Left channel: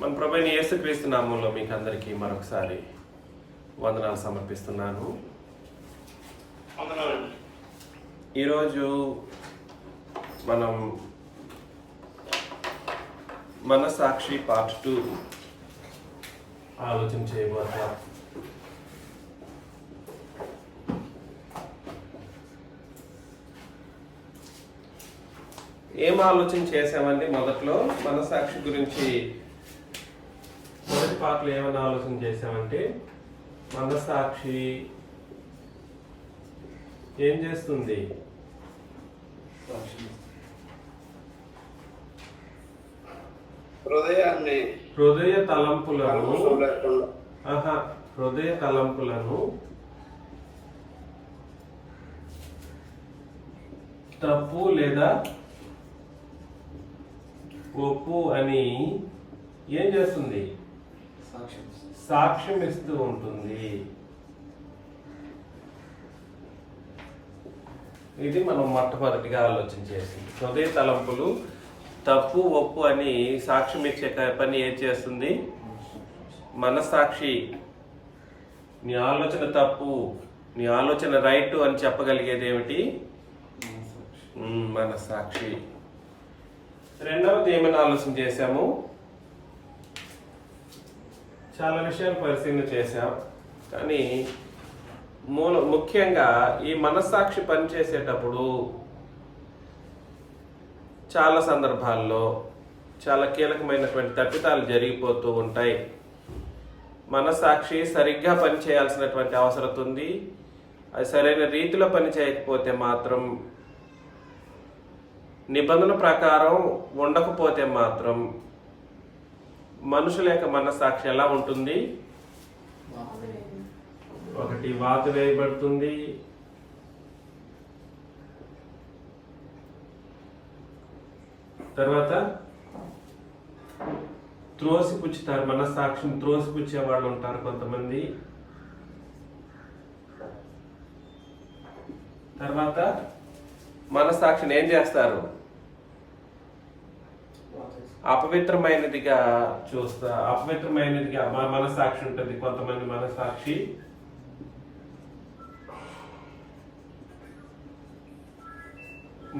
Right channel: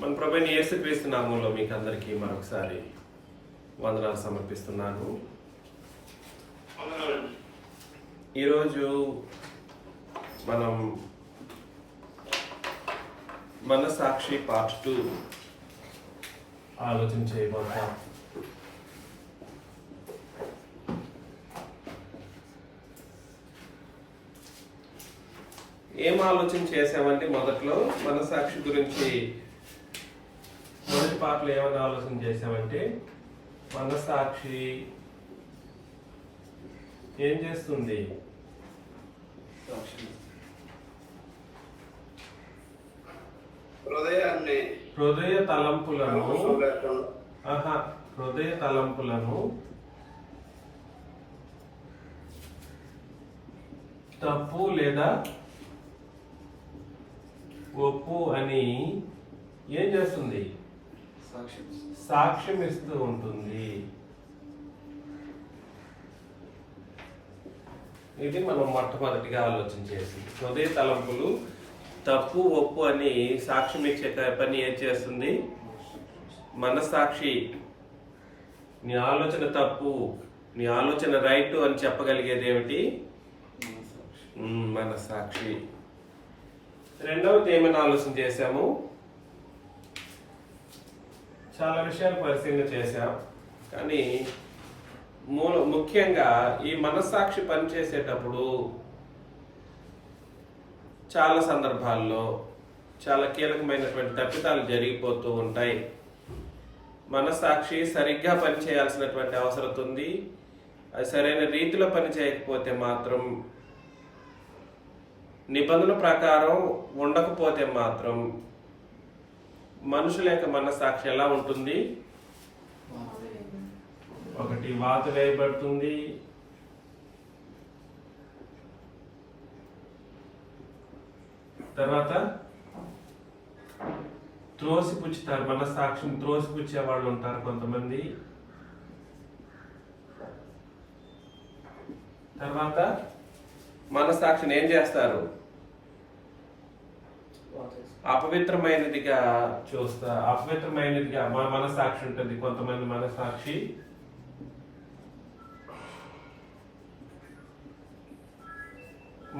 మన ప్రభువైన యేసుక్రీస్తు నామములో మీకు అందరికీ మరొకసారి వందనాలు సమర్పిస్తున్నాను. ఈరోజు మనం మనస్సాక్షి పార్ట్ 2 ఆలోచన చేయబోతాం. ఏం ఆలోచన చేసామంటే మొదట్లో మనస్సాక్షి గురించి మొదటి పాటలో ఏమన్నా ఆలోచన చేసామంటే మనస్సాక్షి ఏం చేస్తుంది? హృదయ తలంపులను తప్పు లేదా ఒప్పు అని ఏం చేస్తుంది? సాక్ష్యం ఇస్తూ ఉంటుంది. ఇది మనం మొట్టమొదటిగా ఆలోచన చేసింది. హృదయ తలంపులు తప్పు ఒప్పు అని సాక్ష్యం ఇచ్చే పని ఏం చేస్తుంది? మనస్సాక్షి నీ ఆలోచన తప్పు, నీ ఆలోచన రైట్ అని చెప్పగలిగేది ఏమిటి? మనస్సాక్షి. రెండవది ఏమైనా ఆలోచన చేశాము? చాలా విషయాలు పరిశీలన చేశాం. కానీ ముఖ్యంగా ఈ మనస్సాక్షి పనిచేసేటప్పుడు చాలా సందర్భాల్లో చాలా కీలకమైనటువంటి తప్పిదాలు జరిగిపోతూ ఉంటాయి. మనస్సాక్షి సరిగ్గా పనిచేయాల్సినటువంటి అవసరం ఉంది. అది సరైన రీతిలో పని చేయకపోతే మాత్రం, నిబంధనల ప్రకారం ఉండకపోతే మాత్రం మనుషుల యొక్క మనస్సాక్షి ఎలా ఉంటుంది? ఒకటి వాత వేయబడుతుంది, తర్వాత త్రోసిపుచ్చుతారు. మనస్సాక్షిని త్రోసిపుచ్చే వాళ్ళు ఉంటారు కొంతమంది. తర్వాత మనస్సాక్షిని ఏం చేస్తారు? అపవిత్రమైనదిగా అపవిత్రమైనదిగా మనస్సాక్షి ఉంటుంది. కొంతమంది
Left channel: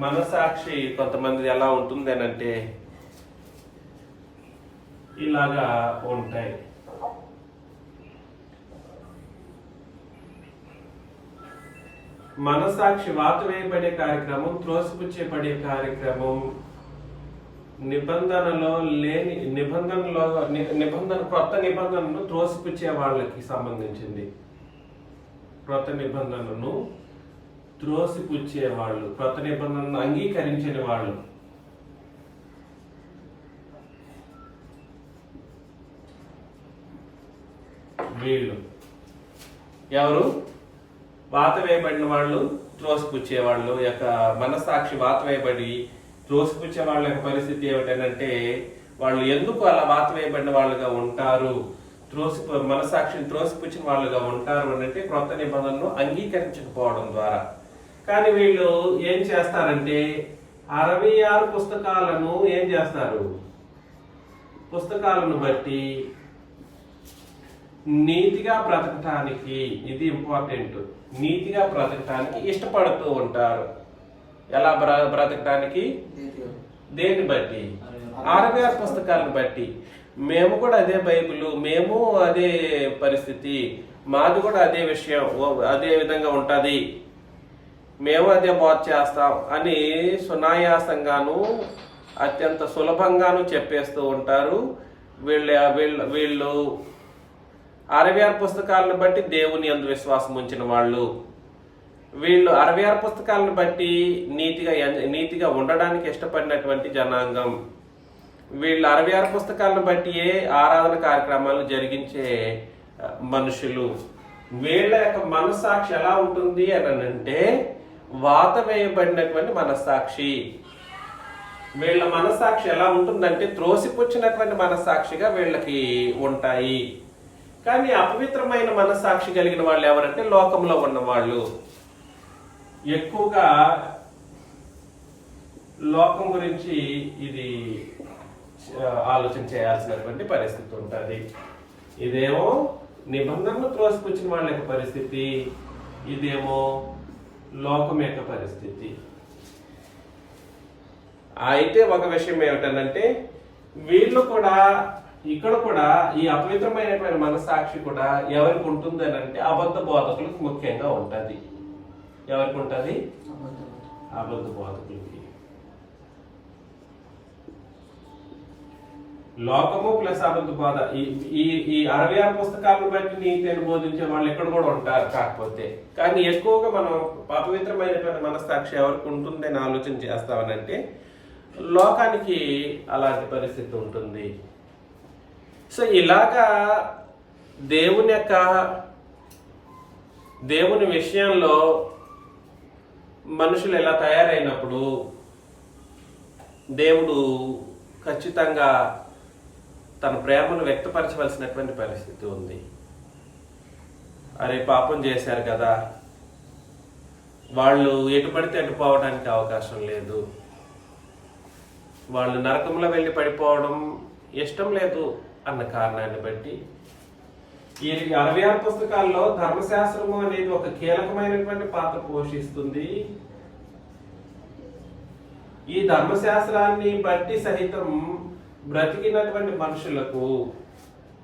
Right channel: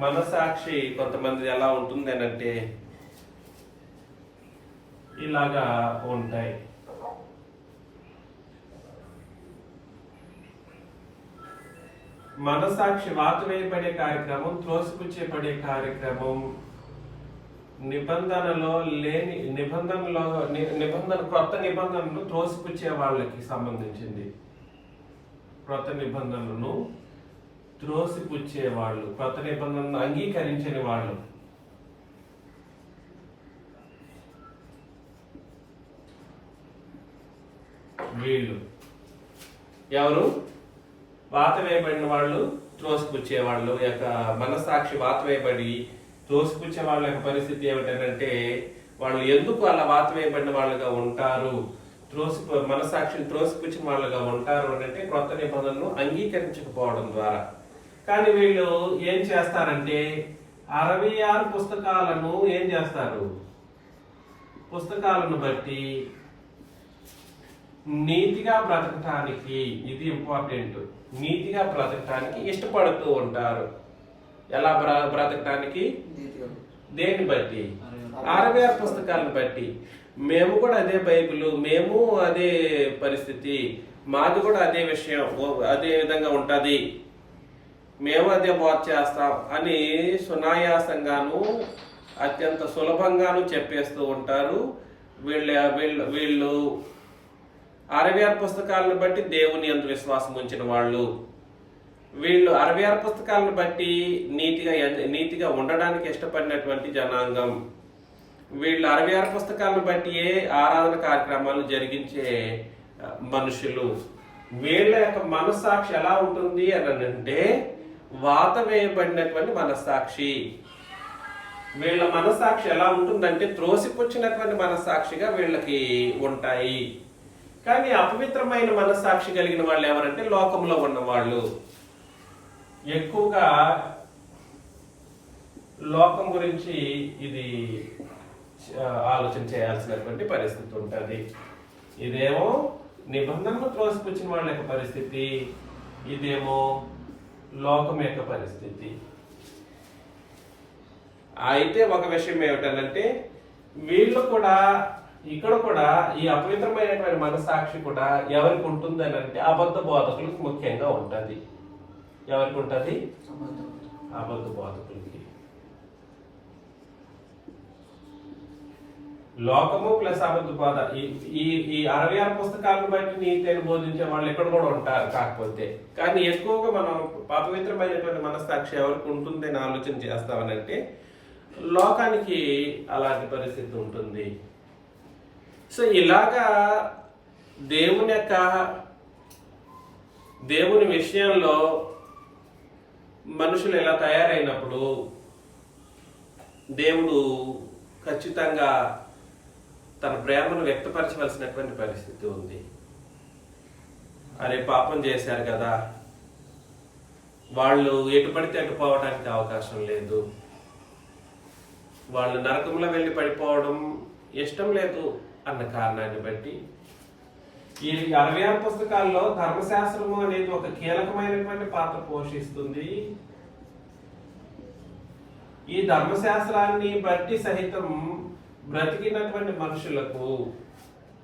మనస్సాక్షి కొంతమంది ఎలా ఉంటుంది అని అంటే ఇలాగా ఉంటాయి. మనస్సాక్షి వాత వేయబడే కార్యక్రమం, త్రోసిపుచ్చేపడే కార్యక్రమం నిబంధనలో లేని కొత్త నిబంధనను త్రోసిపుచ్చే వాళ్ళకి సంబంధించింది. కొత్త నిబంధనను త్రోసిపుచ్చే వాళ్ళు, కొత్త నిబంధనను అంగీకరించిన వాళ్ళు. వీళ్ళు ఎవరు? వాత వేయబడిన వాళ్ళు, త్రోసిపుచ్చే వాళ్ళు యొక్క మనస్సాక్షి వాత వేయబడి త్రోసిపుచ్చే వాళ్ళ యొక్క పరిస్థితి ఏమిటంటే, వాళ్ళు ఎందుకు అలా వాత వేయబడిన వాళ్ళుగా ఉంటారు, మనస్సాక్షిని త్రోసిపుచ్చిన వాళ్ళుగా ఉంటారు అని అంటే క్రొత్త నిబంధనను అంగీకరించకపోవడం ద్వారా. కానీ వీళ్ళు ఏం చేస్తారంటే 66 పుస్తకాలను ఏం చేస్తారు? పుస్తకాలను బట్టి నీతిగా బ్రతకటానికి, ఇది ఇంపార్టెంట్, నీతిగా బ్రతకటానికి ఇష్టపడుతూ ఉంటారు. ఎలా బ్రతకటానికి? దేన్ని బట్టి? 66 పుస్తకాలను బట్టి. మేము కూడా అదే బైబిల్, మేము అదే పరిస్థితి, మాది కూడా అదే విషయం, అదే విధంగా ఉంటుంది, మేము అదే బోధ చేస్తాం అని సునాయాసంగాను అత్యంత సులభంగాను చెప్పేస్తూ ఉంటారు. వీళ్ళు 66 పుస్తకాలను బట్టి దేవుని యందు విశ్వాసం ఉంచిన వాళ్ళు. వీళ్ళు 66 పుస్తకాలను బట్టి నీతిగా ఉండడానికి ఇష్టపడినటువంటి జనాంగం. వీళ్ళు 66 పుస్తకాలను బట్టి ఆరాధన కార్యక్రమాలు జరిగించే మనుషులు. వీళ్ళ యొక్క మనస్సాక్షి ఎలా ఉంటుంది అని అంటే వాత వేయబడినటువంటి మనస్సాక్షి. వీళ్ళ మనస్సాక్షి ఎలా ఉంటుందంటే త్రోసిపుచ్చినటువంటి మనస్సాక్షిగా వీళ్ళకి ఉంటాయి. కానీ అపవిత్రమైన మనస్సాక్షి కలిగిన వాళ్ళు ఎవరంటే లోకంలో ఉన్న వాళ్ళు. ఎక్కువగా లోకం గురించి ఇది ఆలోచన చేయాల్సినటువంటి పరిస్థితి ఉంటుంది. ఇదేమో నిబంధనలు త్రోసిపుచ్చిన వాళ్ళ యొక్క పరిస్థితి, ఇదేమో లోకం యొక్క పరిస్థితి. అయితే ఒక విషయం ఏమిటంటే వీళ్ళు కూడా ఇక్కడ కూడా ఈ అపవిత్రమైనటువంటి మనసాక్షి కూడా ఎవరికి ఉంటుంది అని అంటే అబద్ధ బోధకులకు ముఖ్యంగా ఉంటుంది. ఎవరికి ఉంటుంది? అబద్ధ బోధకులకి. లోకము ప్లస్ అబద్ధ బోధ, ఈ 66 పుస్తకాలను బట్టి నీతిని బోధించే వాళ్ళు ఇక్కడ కూడా ఉంటారు. కాకపోతే కానీ ఎక్కువగా మనం అపవిత్రమైనటువంటి మనస్సాక్షి ఎవరికి ఉంటుందని ఆలోచన చేస్తామనంటే లోకానికి అలాంటి పరిస్థితి ఉంటుంది. సో ఇలాగా దేవుని విషయంలో మనుషులు ఎలా తయారైనప్పుడు దేవుడు ఖచ్చితంగా తన ప్రేమను వ్యక్తపరచవలసినటువంటి పరిస్థితి ఉంది. అరే పాపం చేశారు కదా, వాళ్ళు ఎటు పడితే అటు పోవడానికి అవకాశం లేదు, వాళ్ళు నరకంలో వెళ్ళి పడిపోవడం ఇష్టం లేదు అన్న కారణాన్ని బట్టి ఈ 66 పుస్తకాల్లో ధర్మశాస్త్రము అనేది ఒక కీలకమైనటువంటి పాత్ర పోషిస్తుంది. ఈ ధర్మశాస్త్రాన్ని బట్టి సహితం బ్రతికినటువంటి మనుషులకు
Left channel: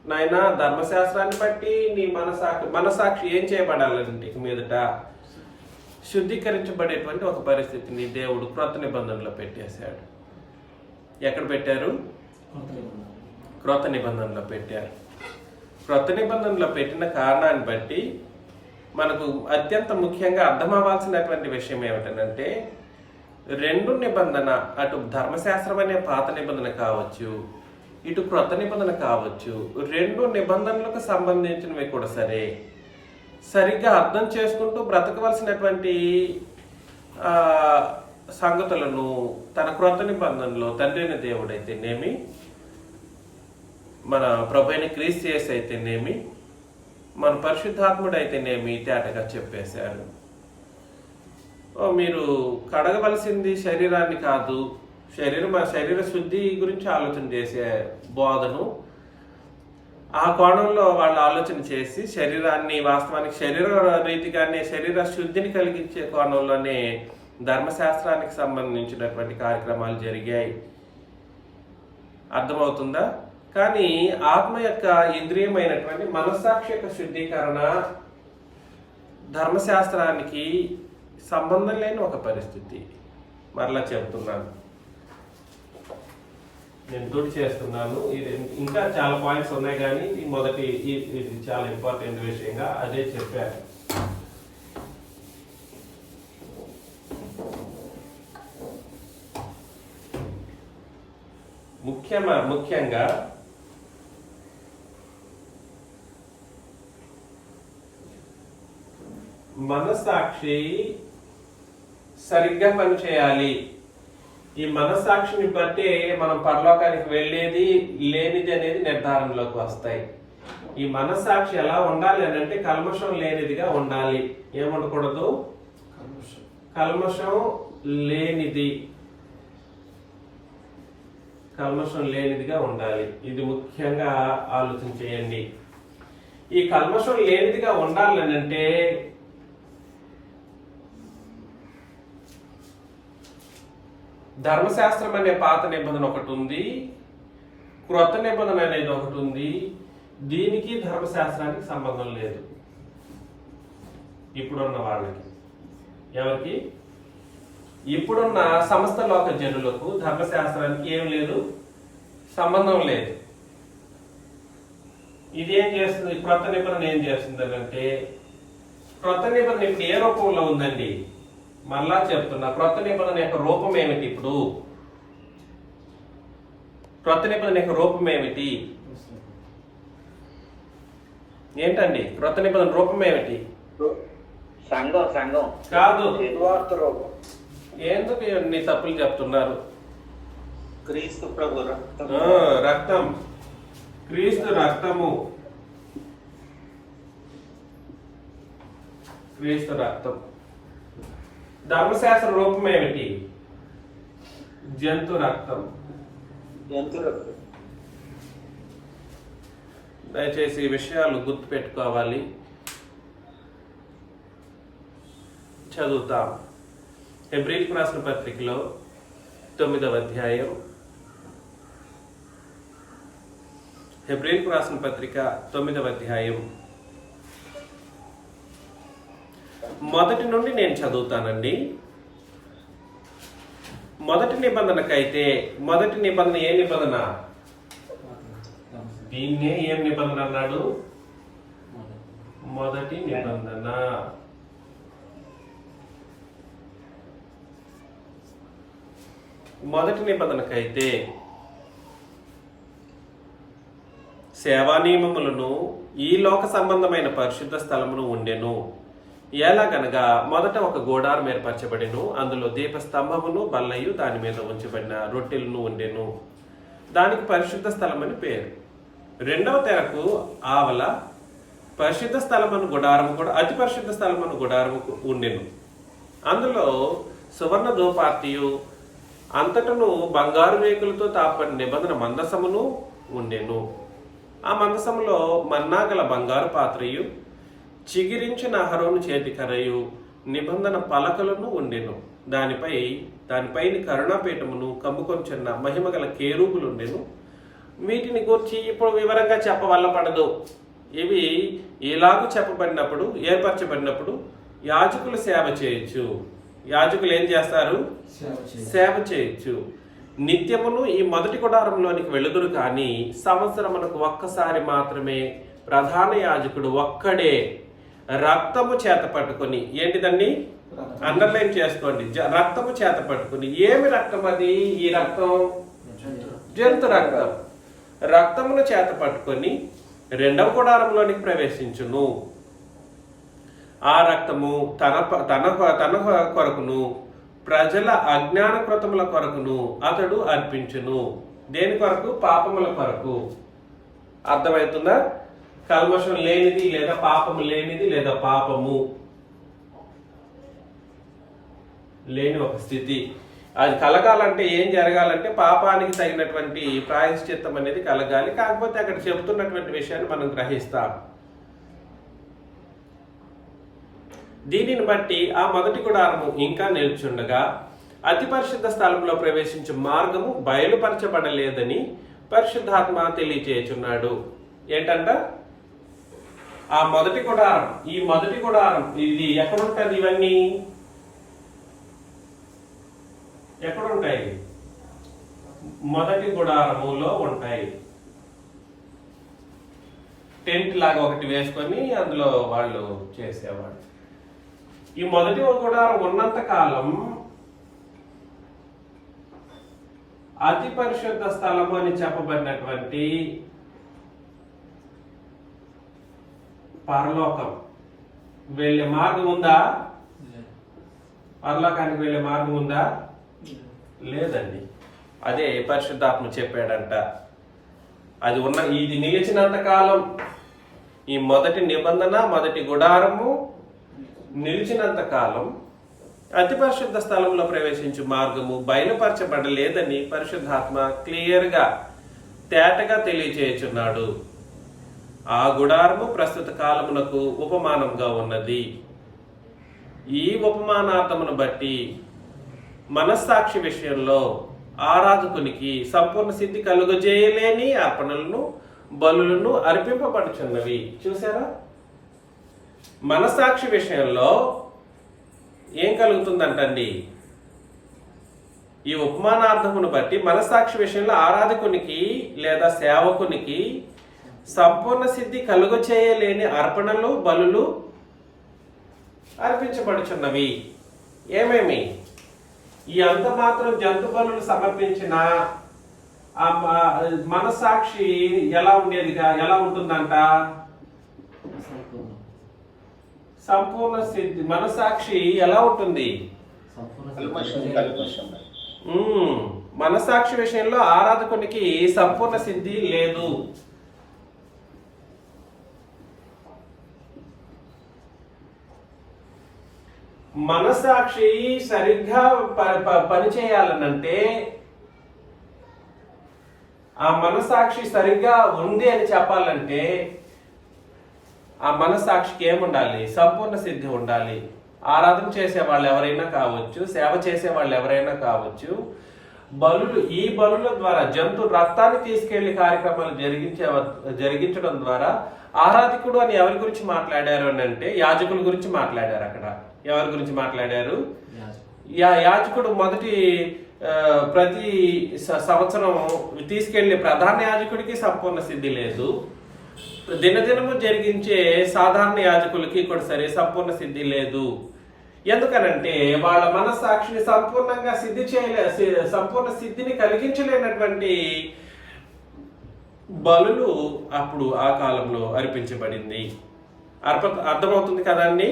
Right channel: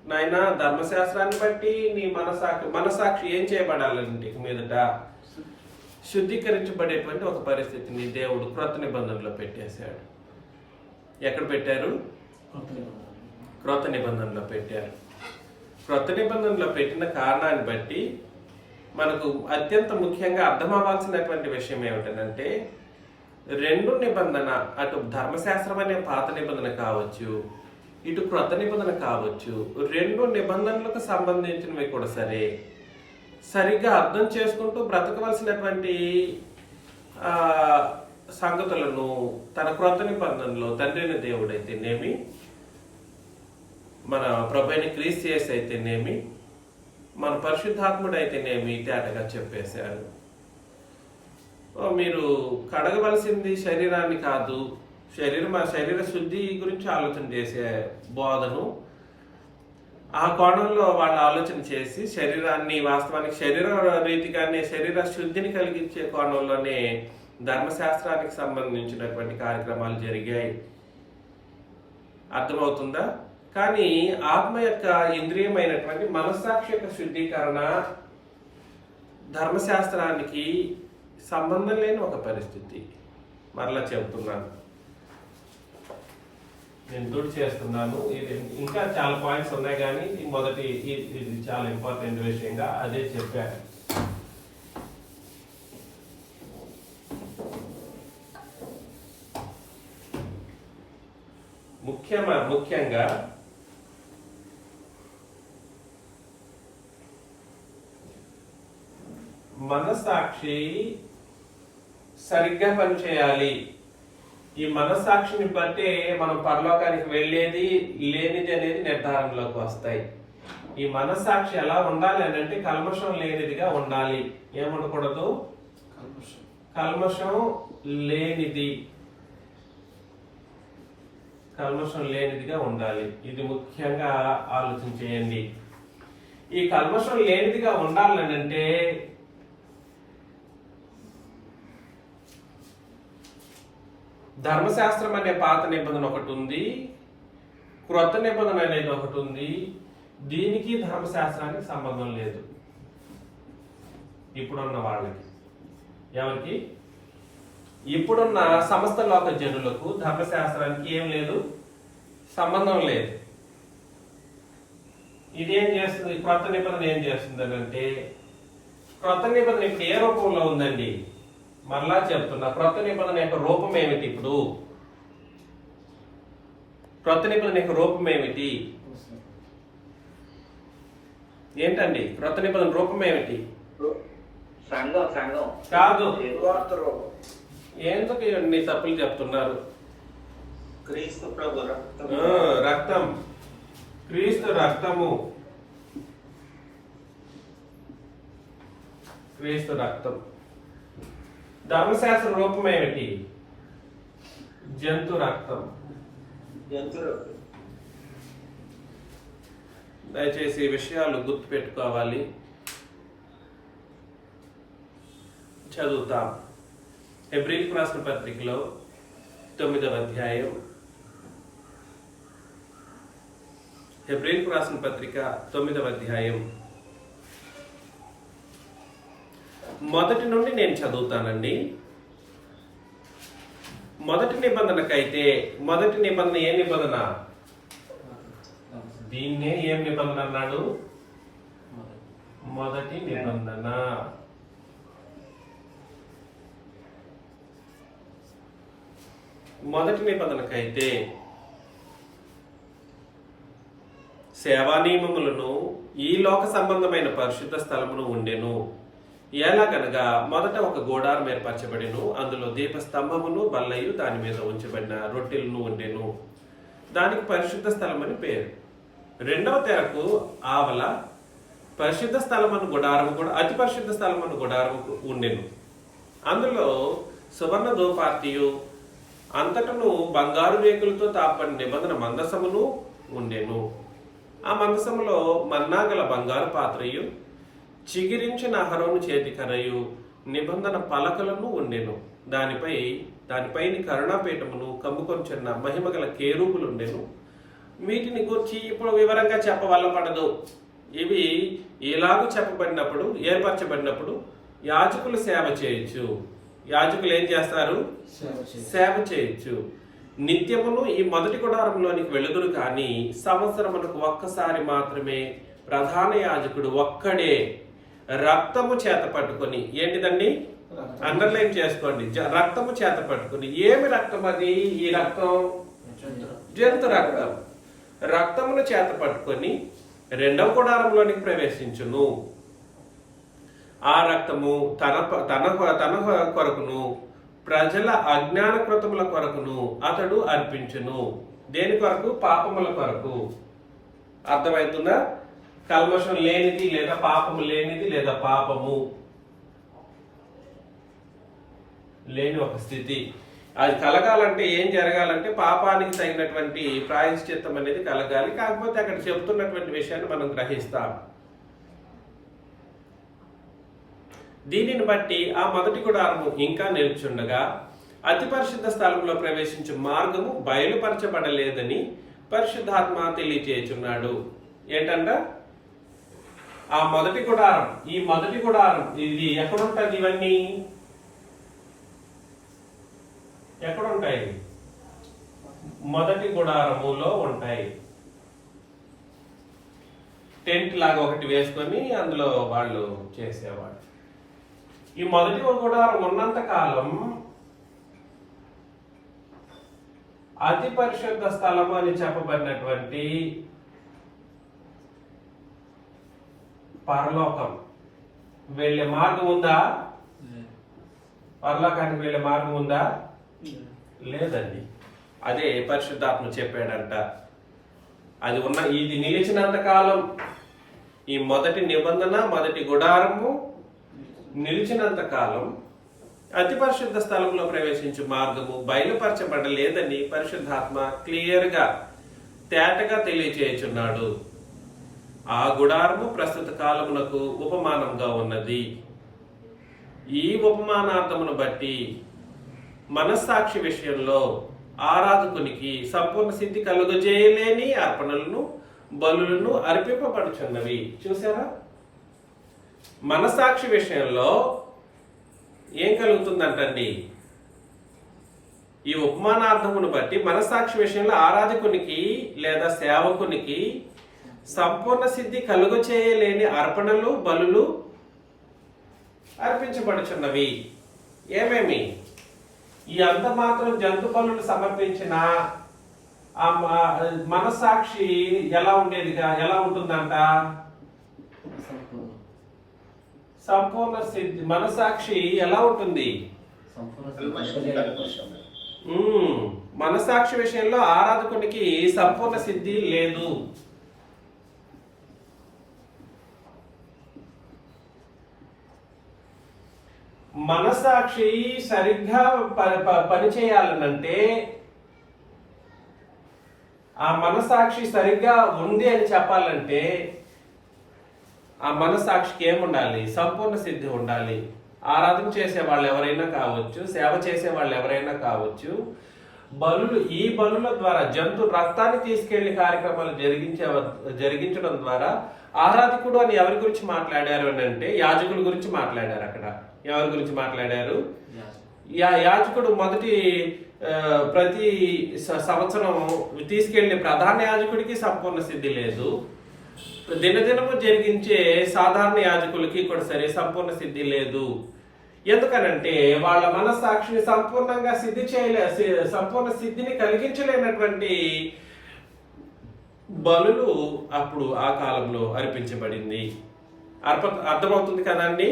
నాయన ధర్మశాస్త్రాన్ని బట్టి నీ మనసాక్షి ఏం చేయబడాలంటే మీదట శుద్ధీకరించబడేటువంటి ఒక పరిస్థితిని దేవుడు క్రొత్త నిబంధనలో పెట్టేశాడు. ఎక్కడ పెట్టారు? క్రొత్త నిబంధనలో పెట్టారు. క్రొత్త నిబంధనలో పెట్టిన కారణాన్ని బట్టి మనకు అత్యంత ముఖ్యంగా అర్థం అవ్వాల్సినటువంటి విషయం ఏమిటంటే రెండు నిబంధన, అటు ధర్మశాస్త్రం అనే పాత నిబంధన కావచ్చు, ఇటు క్రొత్త నిబంధన కావచ్చు, రెండు నిబంధనలకు సంబంధించినవి కూడా సరిగ్గా అర్థం చేసుకుంటూ బ్రతకవలసినటువంటి సంగతులను తన క్రొత్త నిబంధనలో తండ్రిని దేవుడైతేనేమి, మన ప్రభువైన క్రీస్తు యేసు అయితేనేమి, మన పరిశుద్ధాత్ముడు అయితేనేమి తేటగా చెప్పేశాడు. మీరు కడగవలసింది శరీరాన్ని కాదు, శరీర శుద్ధి గురించి ఆలోచన చేసే బోధను ఆ కోణంలో వాళ్ళు ఆలోచన చేసి శరీరాన్ని వాస్తవానికి శరీర రీతిగానే శరీర శుద్ధిని కలిగించే కోణంలోనే ధర్మశాస్త్రానికి సంబంధించినటువంటి కార్యక్రమాలు జరిగాయి. అర్థమవుతుందా? కానీ ఆత్మ యొక్క ఇంద్రియమైనటువంటి మనస్సాక్షి యొక్క శుద్ధీకరణ ధర్మశాస్త్రానికి సంబంధం లేని ఒక పరిస్థితి. మరలా చెప్తున్నాను, నేను గుర్తు చేస్తున్నాను. ఇంకా చాలా పాయింట్స్ ఉన్నాయి కానీ మొదటి ఇది చాలా ఇంపార్టెంట్ విషయంగా అదే చెప్పాను. ముఖ్యంగా మనస్సాక్షి సరిగ్గా పనిచేయాలి. ఈ మనస్సాక్షిని బట్టి మనం పరలోకానికి వెళ్ళేది లేనిది అనేది నిర్ధారణలోకి వస్తాయి. ఈ మనస్సాక్షి ఎలా ఉండాలి అని అంటే కల్మషం లేనిదిగా ఉండాలి. ఏముండకూడదు? కల్మషం లేనిదిగా ఉండాలి. ఇది ముఖ్యంగా ఆలోచన చేయండి. ఈ కల్మషం లేనిదిగా ఉండాలని అంటే ధర్మశాస్త్రం అనే పాత నిబంధన ఒకటి ఉంది, క్రొత్త నిబంధన అనేది ఒకటి ఉంది. దీనికి ధర్మశాస్త్రానికి సంబంధం లేదు. ఇప్పుడున్న వాళ్ళకి, ఎవరికి? ఇప్పుడున్న సమస్త లోక జనులకు ధర్మశాస్త్రానికి ఏం లేదు, సంబంధం లేదు. ఇది ఏం చేస్తుంది? క్రొత్త నిబంధన ఏం చేస్తుంది అంటే, క్రొత్త నిబంధన ఇప్పుడు ఏ రూపంలో ఉందండి? మళ్ళా చెప్తున్నా, క్రొత్త నిబంధన యొక్క రూపం ఏమిటి? ఇప్పుడు క్రొత్త నిబంధన యొక్క రూపం ఏమిటి? ఏంటండి క్రొత్త నిబంధన రూపం ఏమిటి? సంఘం కాదు. ఎందుకు మీ తప్పులు చెప్తున్నారు? క్రీస్తు ప్రభు రక్తం, క్రీస్తు రక్తము, క్రీస్తు రక్తం. ధర్మశాస్త్ర రూపం ఏమిటి? జంతు రక్తం. జంతువులకు దయచేసి ఈ విషయాలు గుర్తుపెట్టుకోవాలి. చదువుతాం. హెబ్రీలకు రాసిన పత్రికలో 9వ అధ్యాయం, హెబ్రీలకు రాసిన పత్రిక 9వ అధ్యాయం మొదటి నుండి నేను చదువుతానండి. మొదటి నిబంధనకైతే, మొదటి నిబంధన ఏ నిబంధన? దీన్నే ఏం నిబంధన అన్నాడు? మొదటి నిబంధన. మొదటి నిబంధనకైతే సేవా నియమములను ఈ లోక సంబంధమైన పరిశుద్ధ స్థలమును ఉండెను. ఎలాగనగా మొదట ఒక గోడారం ఏర్పరచబడిను, అందులో దీపస్తంభమును బల్లయు దాని మీద ఉంచబడిన రొట్టెలను ఉండెను. దానికి పరిశుద్ధ స్థలం అని పేరు. రెండవ తెరకు ఆవల పరిశుద్ధ స్థలమను గుడారము కూడా, అతి పరిశుద్ధ స్థలమను గుడారము ఉండెను. అందులో సువర్ణ ధూపార్తియు అంతటను బంగారు రేకులతో తాపని నిబంధన మందసమును ఉండెను. ఆ మందసములో మన్నాగల బంగారు పాత్రయు చిగిరించిన అహరోను చేతి కరయు నిబంధన పలకలను ఉండెను. దానిపైన కరుణాపీఠమును కమ్ముకొంచున్న మహిమగల కేరూపులు ఉండెను. వీటిని గురించి ఇప్పుడు వివరంగా చెప్పవల్లపడదు. ఇవి ఇలాగూ చెప్పబడినప్పుడు, ఏర్పరచబడినప్పుడు యాజకులు సేవ చేయొచ్చు. యాజకులు ఏం చేస్తారు? సేవ చేయొచ్చు. నిత్యమును ఈ మొదటి గుడారంలోనికి వెళుదురు కానీ సంవత్సరమునకు ఒక్కసారి మాత్రమే ప్రధాన యాజకుడు ఒక్కడే రక్తము చేత పట్టుకొని, ఏంటిదండి? అండర్లైన్ చేసుకోండి, రక్తము చేత పట్టుకొని. ఏమి రక్తం అది? ఈ రక్తం జంతు రక్తం. రక్తమును చేత పట్టుకొని రెండవ గుడారంలోనికి ప్రవేశించును. ఆ రక్తము తన కొరకును ప్రజల అజ్ఞాన కృతముల కొరకును అతడు అర్పించును. దేని కొరకు? పాపముల కొరకు. అర్థమవుతుందా? కల్మషం లేనిది లేదా పాపము లేనిది లేదా పాపము లేని ఒక స్థితి. అది కలగాలంటే ఏం జరగాలంటే పాపానికి తగినటువంటి ప్రాయశ్చిత్తం అనేది కలగాలి. కాకపోతే అక్కడ చెబుతున్నటువంటి విషయాన్ని మనం గ్రహిస్తాం. దీనిని బట్టి ఆ మొదటి గుడారము ఇంకా నిల్చుండగా అతి పరిశుద్ధ స్థలంలో ప్రవేశించే మార్గము బయలుపరచబడలేదని పరిశుద్ధాత్మ తెలియచేయుచున్నాడు. ఏంటంట? ఆ మొదటి గుడారం, ఈ మొదటి గుడారం ఇది ఎక్కడుంటది? ఇవన్నీ ఎక్కడుంటాయి? మొదటి గుడారములో ఉంటాయి. టెంట్ లాగా ఒకటి వేసుకొని అందులో వాళ్ళు చేసేవాళ్ళు. ఈ మొదటి గుడారం ఉన్నంత కాలం అతి పరిశుద్ధ స్థలము అని చెప్పబడినటువంటి పరలోకం వెళ్ళే మార్గం ఉందా? పరలోకానికి వెళ్ళే మార్గం ఉందా? లేదండి. అదే పరిశుద్ధాత్మ చెప్పాడంట. అది ఇది నిలిచినంత కాలం, ఈ మొదటి నిబంధన, మొదటి గుడారము నిలిచినంత కాలం అతి పరిశుద్ధ స్థలంలో ప్రవేశించే మార్గము బయలుపరచబడలేదని పరిశుద్ధాత్మ క్లియర్గా తేటగా తెలియచేయుచున్నాడు. ఆ గుడారము ప్రస్తుత కాలమునకు ఉపమానంగా ఉన్నది. ఈ ఉపమానార్థమును బట్టి మనస్సాక్షి విషయంలో ఆరాధకునికి సంపూర్ణ సిద్ధి కలుగజేయలేని అర్పణలను బలులను అర్పింపబడుచున్నవి. చూసారా? మనస్సాక్షి విషయంలో ఏం కలుగుతుందంటండి? ఈ ఉపమానార్థమును బట్టి మనస్సాక్షి విషయంలో ఆరాధకునికి లేదా సేవకునికి సంపూర్ణ సిద్ధి కలుగచేయలేని అర్పణలు బలులు అర్పించబడుచున్నవి. ఏమేమి? ఈ అంత మాత్రం జంతు బలులు సమర్పించిన మనస్సాక్షి ఎలా ఉంటుందంట? సంపూర్ణ సిద్ధి. మనస్సాక్షి ఎలా ఉంటుంది? మనస్సాక్షి విషయంలో ఆరాధకునికి సంపూర్ణ సిద్ధి లేదు. మనస్సాక్షి సరిగ్గా పనిచేయాలనంటే ఆ మనసాక్షి సరిగ్గా ఉంది అని చెప్పాలంటే ఆ మనసాక్షికి ఏముండాలి? సంపూర్ణ సిద్ధి ఉండాలి. ఆరాధన చేసే వాళ్ళు ఎవరైనా కావచ్చు, సేవ చేసే వాళ్ళు ఎవరైనా కావచ్చు, ఈ బలుల ద్వారా జంతు రక్తాన్ని తీసుకెళ్లి కార్యక్రమాలు జరిగించడం ద్వారా ఆరాధికుడు అని ఎవరి గురించి మాట్లాడారు అని అంటే యాజకుల గురించి మాట్లాడారు. అక్కడ ఎవరి గురించి మాట్లాడారు? యాజకుడు ప్రతి సంవత్సరం తీసుకెళ్లే ప్రధాన యాజకుడికి సంపూర్ణ సిద్ధి లేదు. దినదినము జరిగించే సాధారణ యాజకులకి కూడా సరే సంపూర్ణ సిద్ధి లేదు. ఎందుకనంటే వాళ్ళ మనస్సాక్షిని సంపూర్ణంగా సంపూర్ణ సిద్ధిని కలిగించలేనటువంటి బలులు అప్పుడు ఆ కాలంలో అర్పించబడింది. అర్థమవుతుంది కదండి.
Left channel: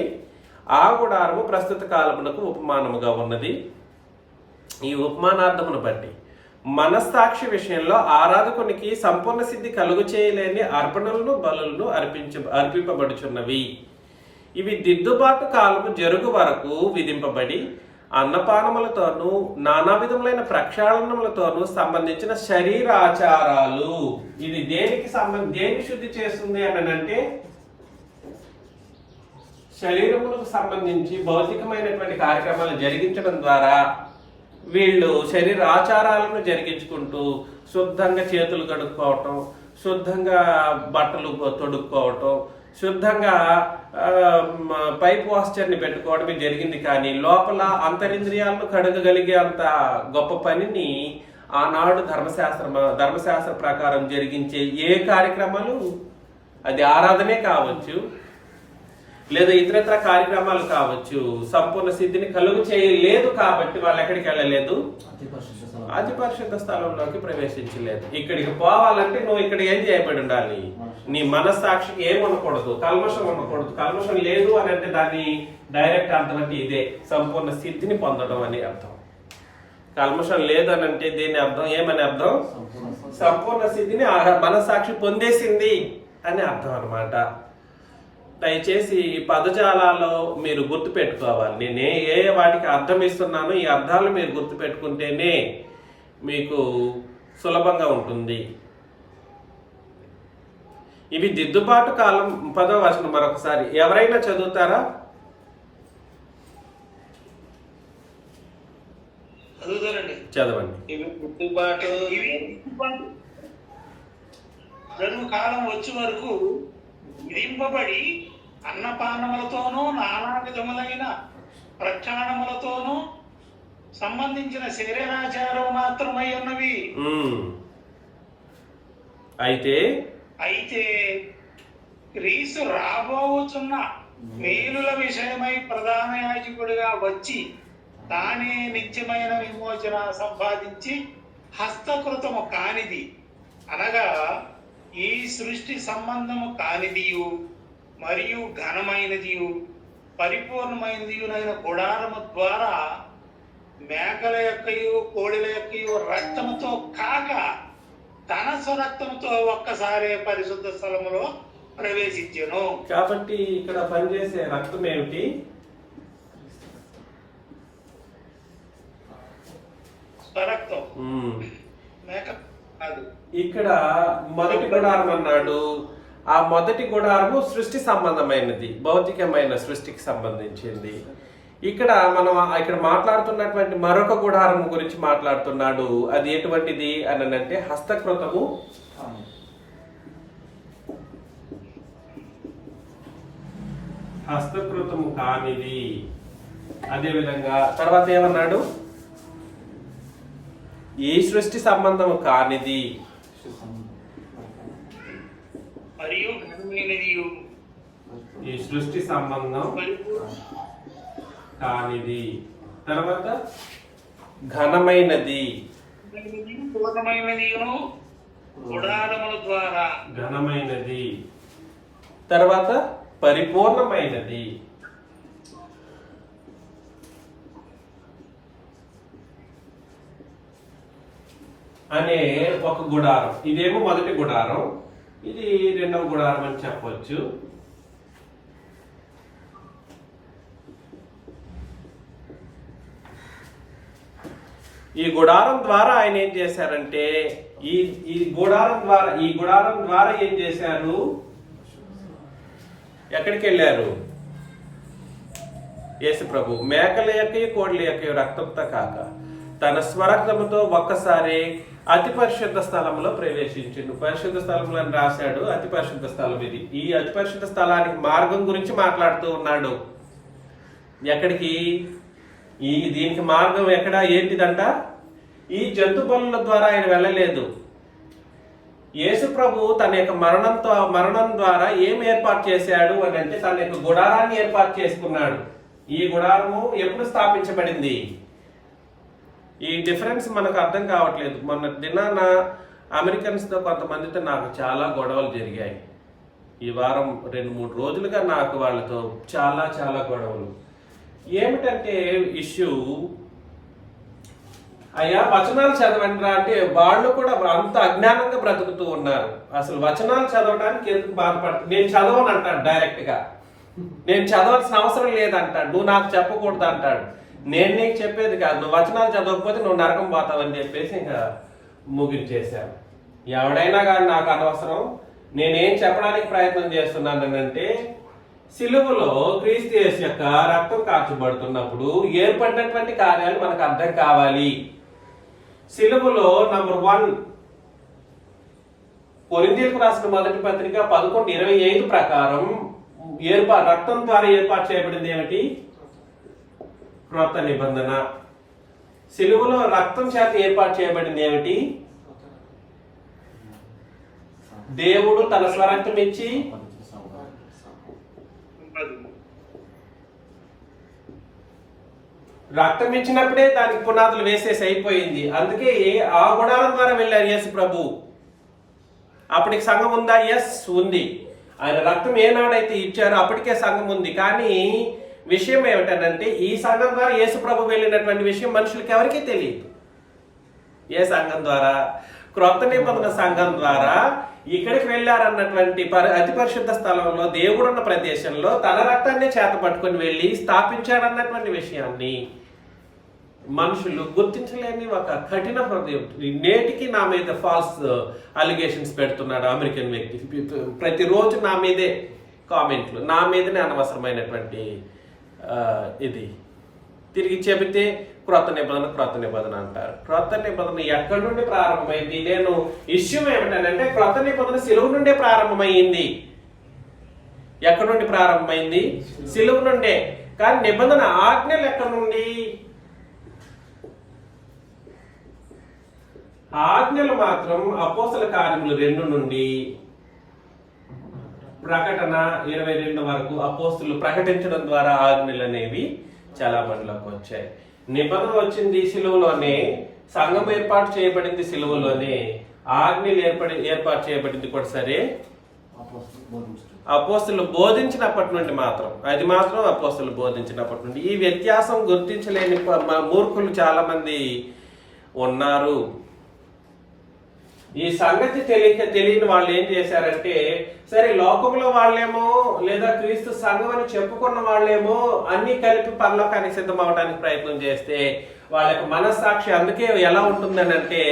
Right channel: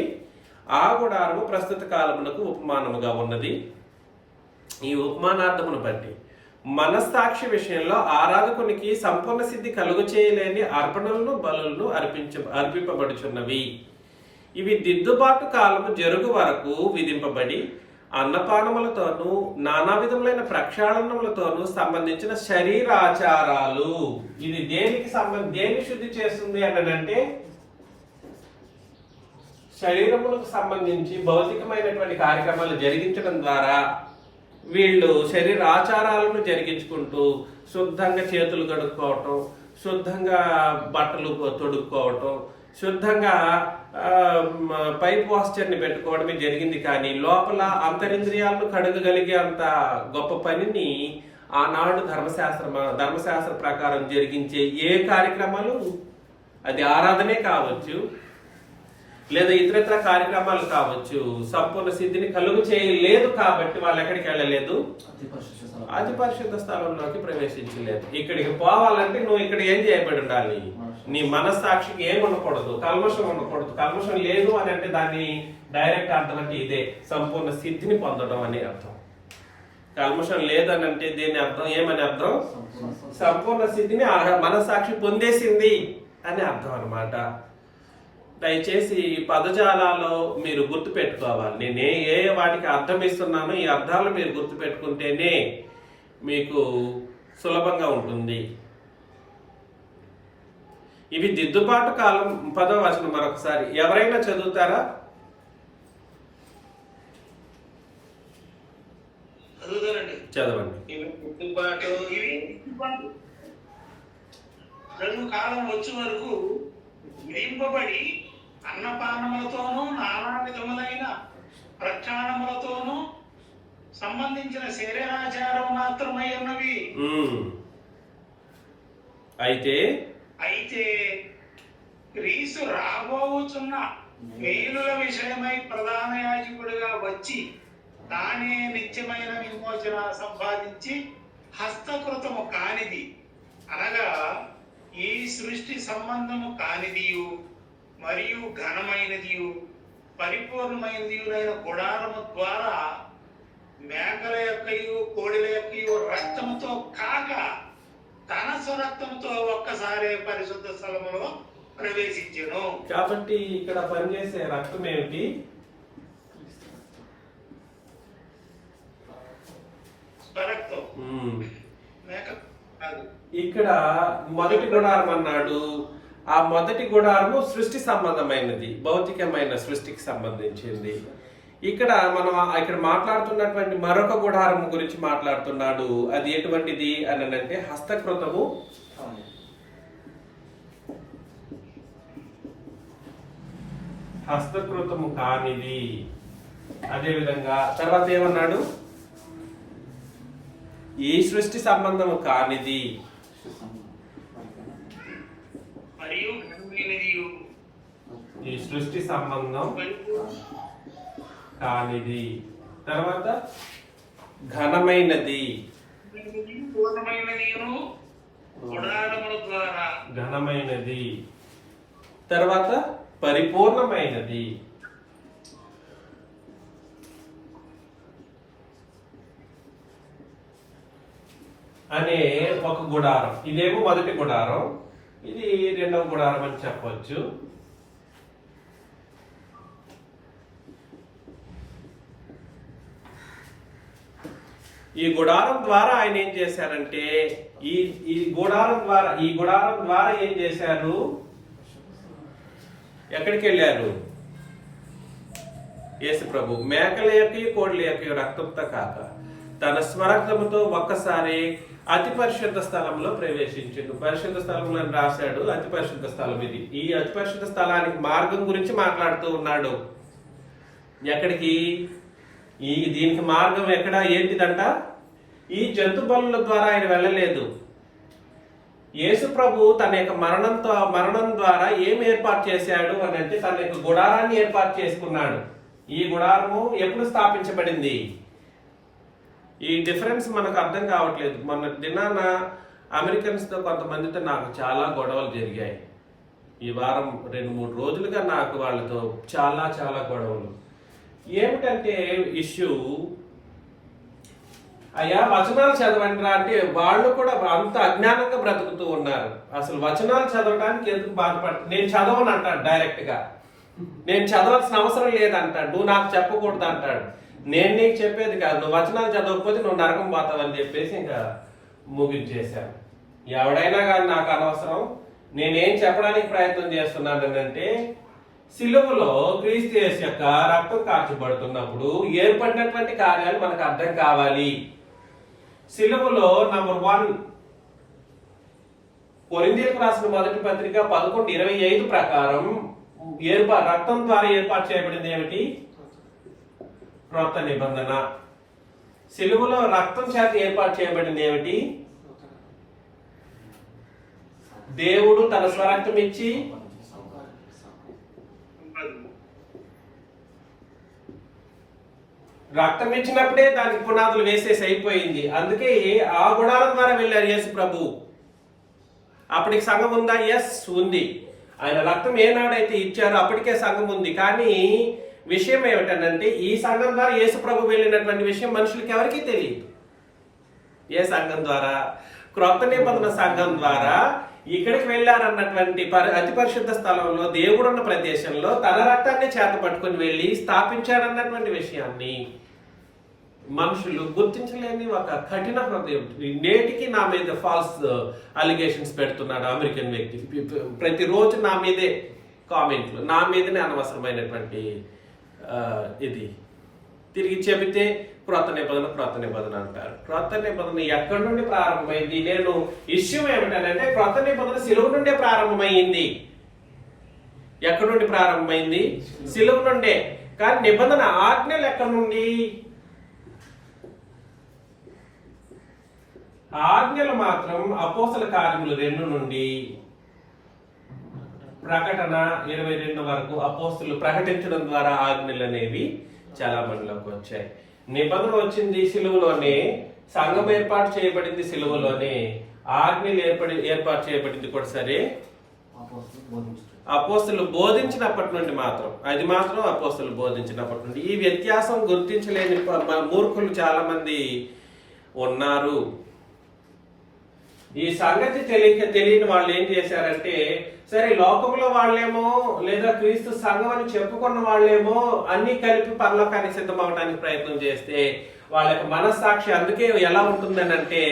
ఆ గుడారము ప్రస్తుత కాలమునకు ఉపమానముగా ఉన్నది. ఈ ఉపమానార్థమును బట్టి మనస్సాక్షి విషయంలో ఆరాధకునికి సంపూర్ణ సిద్ధి కలుగు చేయలేని అర్పణలను బలులను అర్పింపబడుచున్నవి. ఇవి దిద్దుబాటు కాలము జరుగు వరకు విధింపబడి అన్నపానములతోనూ నానా విధములైన ప్రక్షాళనములతోనూ సంబంధించిన శరీరాచారాలు. ఇది దేని శుద్ధి చేస్తుంది అనంటే శరీరములకు సంబంధించి భౌతికమైనటువంటి కార్యక్రమాలు జరిగించడం ద్వారా వీళ్ళు శరీర ఆచారాలను జరిగించుకుంటూ శుద్ధంగా చేతులు కడుక్కోవటం, శుద్ధంగా బట్టలు తొడుక్కోవటం, శుద్ధంగా పై పోస్చర్ని పెట్టుకోవడమే జరిగింది. కానీ లోపల అంతరింద్రియాలను కడగగలిగే అంత గొప్ప పనిని ఆనాడు ధర్మశాస్త్ర ప్రకారం జరిగించే ఏ కార్యక్రమాలు, అది ఆరాధనే కావచ్చు లేదా ఇతరత్ర కార్యక్రమాలు కావచ్చు, సంపూర్ణ సిద్ధిని కలుగు చేయలేదు. కాబట్టి వాళ్ళు ఎక్కడికి వెళ్ళలేదు? అతి పరిశుద్ధ స్థలంలోకి ప్రవేశించలేదు. ఇక్కడికి పోవాలంటే నువ్వు ఇక్కడ ఏం చేయబడి ఉండాలి? నీ మనస్సాక్షికి ఏం ఉండకూడదు, కల్మషం ఉండకూడదు. కల్మషం లేదు అని అంటే దాన్ని డైరెక్ట్ అర్థం అంటే ఇదే సంపూర్ణ సిద్ధిని పొందడం అని అర్థం. కల్మషం లేదని అంటే దీని అర్థం ఏమని అర్థం? సంపూర్ణ సిద్ధిని మనస్సాక్షి పొందేసింది అని అర్థం అన్నమాట. దయచేసి ఈ పదజాలాల్లో మీరు గుర్తు పెట్టుకోవాలి. నేను ఏ వాటికి అర్థం ఇస్తున్నానో ఈ అర్థాలు మీరు గుర్తు పెట్టుకుంటేనే మీకు సులభంగా ఉంటుంది. ఇవి దిద్దుబాటు కాలం 10వ వచనం మరొకసారి ఎవరైనా చదువుతారా? చదవండి. రెండు కాలం వచ్చే వరకు విధింపబడి అన్నపానములతోనూ నానా విధములైన ప్రక్షాళనములతోనూ సంబంధించిన శరీరాచారం మాత్రమై ఉన్నవి. అయితే క్రీస్తు రాబోచున్న మేలుల విషయమై ప్రధాన యాజకుడిగా వచ్చి తానే నిత్యమైన విమోచన సంపాదించి హస్తకృతము కానిది అనగా ఈ సృష్టి సంబంధము కానిదియు మరియు ఘనమైనదియు పరిపూర్ణమైనదియునైన గుడారము ద్వారా మేకల యొక్కయు కోడిల యొక్కయు రక్తముతో కాక తన స్వరక్తంతో ఒక్కసారి పరిశుద్ధ స్థలములో ప్రవేశించెను. కాబట్టి ఇక్కడ పనిచేసే రక్తం ఏమిటి? స్వరక్తం. మేక కాదు. ఇక్కడ మొదటి గుడారం అన్నాడు. ఆ మొదటి గుడారము సృష్టి సంబంధమైనది, భౌతికమైన సృష్టికి సంబంధించింది. ఇక్కడ మాట్లాడుతున్నటువంటి మరొక గుడారం గురించి మాట్లాడుతున్నాడు. అది ఎటువంటిది అని అంటే హస్తకృతము కానిది. అదే విధంగా తర్వాత ఏమన్నాడు? ఈ సృష్టి సంబంధము కానిది ఈ సృష్టి సంబంధం కానిది. తర్వాత ఘనమైనది ఘనమైనది. తర్వాత పరిపూర్ణమైనది. అనే ఒక గుడారం. ఇదేమో మొదటి గుడారం, ఇది రెండవ గుడారం అని చెప్పవచ్చు. ఈ గుడారం ద్వారా ఆయన ఏం చేశారంటే ఈ గుడారం ద్వారా ఏం చేశారు? ఎక్కడికి వెళ్ళారు? యేసు ప్రభు మేకల యొక్క కోడ్ల యొక్క రక్తంతో కాక తన స్వరక్తముతో ఒక్కసారి అతి పరిశుద్ధ స్థలంలో ప్రవేశించిండు. పరిశుద్ధ స్థలంలో రాశాడు. అతి పరిశుద్ధ స్థలం ఇది. ఈ అతి పరిశుద్ధ స్థలానికి మార్గం గురించి మాట్లాడుతూ ఉన్నాడు. ఎక్కడికి? దీనికి మార్గం ఎక్కడ? ఏంటిదంట? ఈ జంతు బలుల ద్వారా ఆయన వెళ్ళలేదు. యేసు ప్రభు తన యొక్క మరణం ద్వారా ఏం ఏర్పాటు చేశాడు అని అంటే తన యొక్క గుడారాన్ని ఏర్పాటు చేసుకున్నాడు. ఈ గుడారము ఎప్పుడు స్థాపించబడింది? ఈ డిఫరెన్స్ మనకు అర్థం కావట్లేదు. మొన్న దినాన అమెరికన్స్తో కొంతమందితో నాకు చాలా గొడవలు జరిగాయి. ఈ వారం 2-3 రోజులుగా నాకు వాళ్ళతో చాలా చాలా గొడవలు. ఏమిటంటే ఇష్యూ, అయ్యా వచనాలు చదవండిరా అంటే వాళ్ళు కూడా అంత అజ్ఞానంగా బ్రతుకుతూ ఉన్నారు. అసలు వచనాలు చదవడానికి ఎందుకు బాధపడుతుంది? నేను చదవను అంటాడు డైరెక్ట్ గా. నేను చదవాల్సిన అవసరం లేదంటాడు. నువ్వు నాకు చెప్పకూడదు అంటాడు. నేను నీకు చెప్పేది కాదు, నువ్వు వచనాలు చదవకపోతే నువ్వు నరకం పోతావని చెప్పేసి ఇంకా ముగించేశాను. ఎవడైనా కానీ నాకు అనవసరం. నేనేం చెప్పడానికి ప్రయత్నం చేస్తున్నాను అంటే, సిలువలో క్రీస్తు యేసు యొక్క రక్తం కార్చబడుతున్నప్పుడు ఏర్పడినటువంటి కార్యాలు మనకు అర్థం కావాలి. సిలువలో నంబర్ 1 కొరింథీయులకు రాసిన మొదటి పత్రిక 11:25 ప్రకారం రక్తం ద్వారా ఏర్పాటు చేయబడింది ఏమిటి? క్రొత్త నిబంధన. సిలువలో రక్తం చేత ఏర్పాటు చేయబడింది ఏమిటి? దేవుడు తన స్వరక్తం ఇచ్చి రక్తం ఇచ్చినప్పుడే దానికి పునాదులు వేసేసి అయిపోయింది. అందుకే ఆ గుడారం ద్వారా వెళ్ళారు యేసు ప్రభు. అప్పటికి సంఘం ఉందా? ఎస్, ఉంది. ఆయన రక్తం ఏనాడైతే ఇచ్చారో అప్పటికే సంఘం ఉంది. కానీ విషయం ఏమిటనంటే ఈ సంఘం ద్వారా యేసు ప్రభు వెళ్ళినటువంటి విషయం మనుషులకి ఎవరికీ తెలియదు. ఏ సంఘం ద్వారా? క్రొత్త నిబంధన సంఘం ద్వారా ఇక్కడికి వెళ్ళారన్నటువంటి అతి పరిశుద్ధ స్థలంలో, దేవుడున్న ప్రదేశంలో తన రక్తాన్ని చేత పట్టుకుని వెళ్ళి స్థాపించాడన్నటువంటి విషయాన్ని మనుషులు గుర్తించలేని ఒక కఠిన హృదయం. నేటికి నా మీద ఫాల్స్ అలిగేషన్స్ పెడుతున్నారు అమెరికన్ వ్యక్తి. ప్రతిరోజు నా మీదే కామెంట్లు, నా మీదనే అనవసరమైనటువంటి ఇది తిరిగి చెబితే క్రొత్త నిబంధన అంటారు. క్రొత్త నిబంధన ఎక్కడి నుండి ప్రారంభమైంది? నేను ఇష్యూ ఏమిటంటే క్రొత్త నిబంధన సిలువ నుండే ప్రారంభమైంది. ఎక్కడి నుండి ప్రారంభమైంది? సిలువ నుండే. కానీ నిబంధన ఆజ్ఞలు ఎక్కడి నుండి? ఆజ్ఞలు మాత్రం అపోస్తల కార్యములు 2 నుండి ప్రకటన 22 వరకు అపోస్తలు ప్రకటించడం ద్వారా ఆజ్ఞలు అనేవి చాలా మందిలోకి వచ్చాయి. నిబంధన వచ్చింది సిలువలోనే, సంఘం ఏర్పాటు చేయబడింది సిలువలోనే, ఆజ్ఞలు ఏర్పాటు చేయబడింది కూడా సరే అపోస్తలు బోధించినప్పటి నుండి మాత్రం. అది మాత్రం అపోస్తలు బోధించినప్పటి నుండి. ఈ వ్యత్యాసం గుర్తించలేని మూర్ఖులు చాలా మంది ఉన్నారు. ఈ సంగతి తెలియని వాళ్ళు ఏం చేశారంటే, సరే లోకంలో వాళ్ళేమో లేదా క్రీస్తు సంఘం అని చెప్పుకున్న వాళ్ళేమో అన్ని కలిపి పరలోకానికి సిద్ధం అవడానికి ప్రయత్నం చేస్తే వాళ్ళ యొక్క మనస్సాక్షి అందుకే ఎలా ఉంటుందని అంటే,